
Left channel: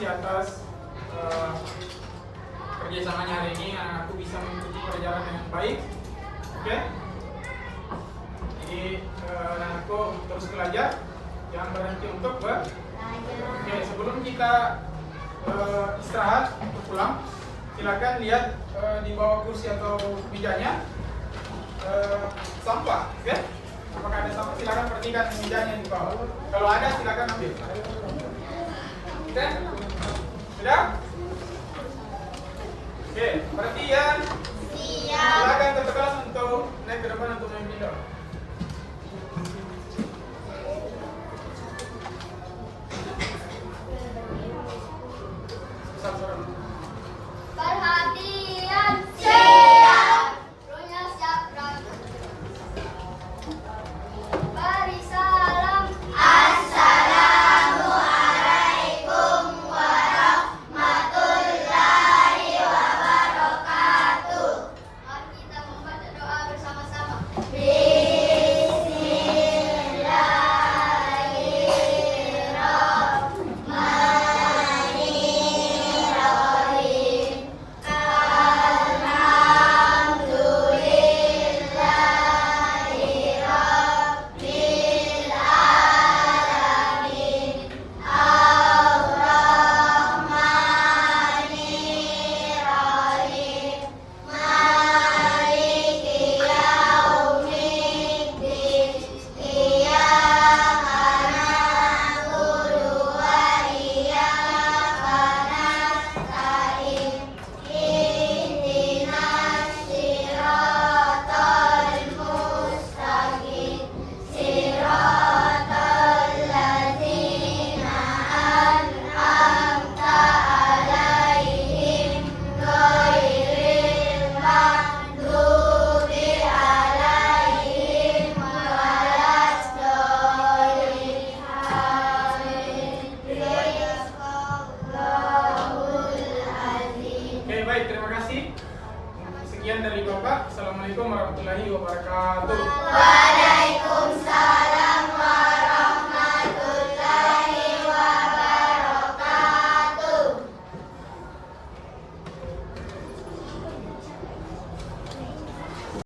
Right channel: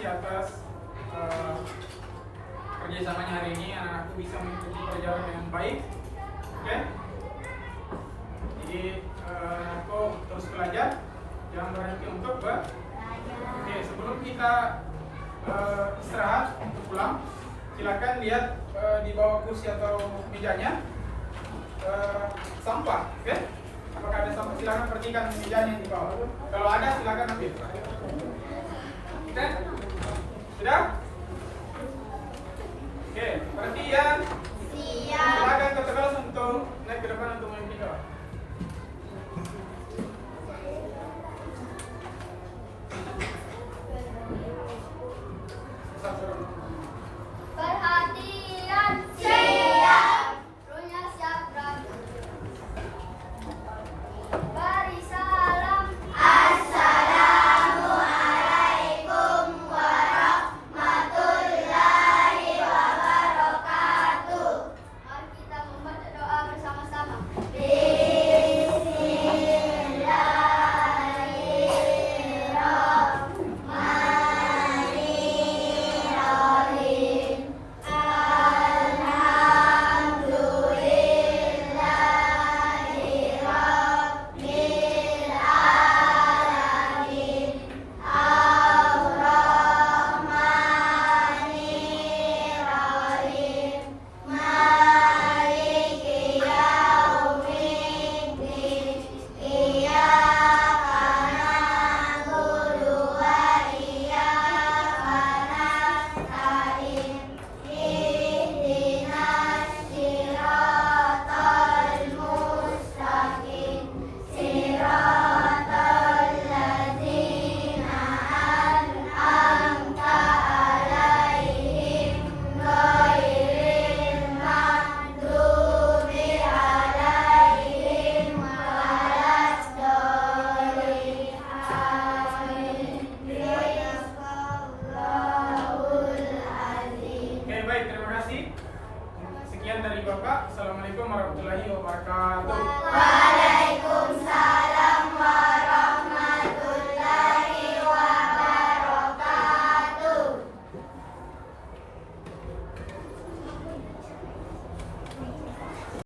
kasih atas kerjasamanya hari ini. Aku bisa mengikuti pelajaran dengan baik. Oke? Jadi aku terus belajar, jangan berhenti untuk belajar. Oke, sebelum kita istirahat untuk pulang, silakan lihat di bawah kursi atau mejanya sampah, oke? Apakah ada sampah? Silakan perhatikan mejanya di bawah. Kalau ada, silakan ambil. Oke? Sudah? Oke, perhatian. Silakan ke kelas untuk naik ke depan untuk memimpin doa. Perhatian, siap. Runya siap, Prabu. Beri salam. Assalamualaikum warahmatullahi wabarakatuh. Mari kita membaca doa bersama-sama. Baik, terima kasih. Sekian dari Bapak. Assalamualaikum warahmatullahi wabarakatuh.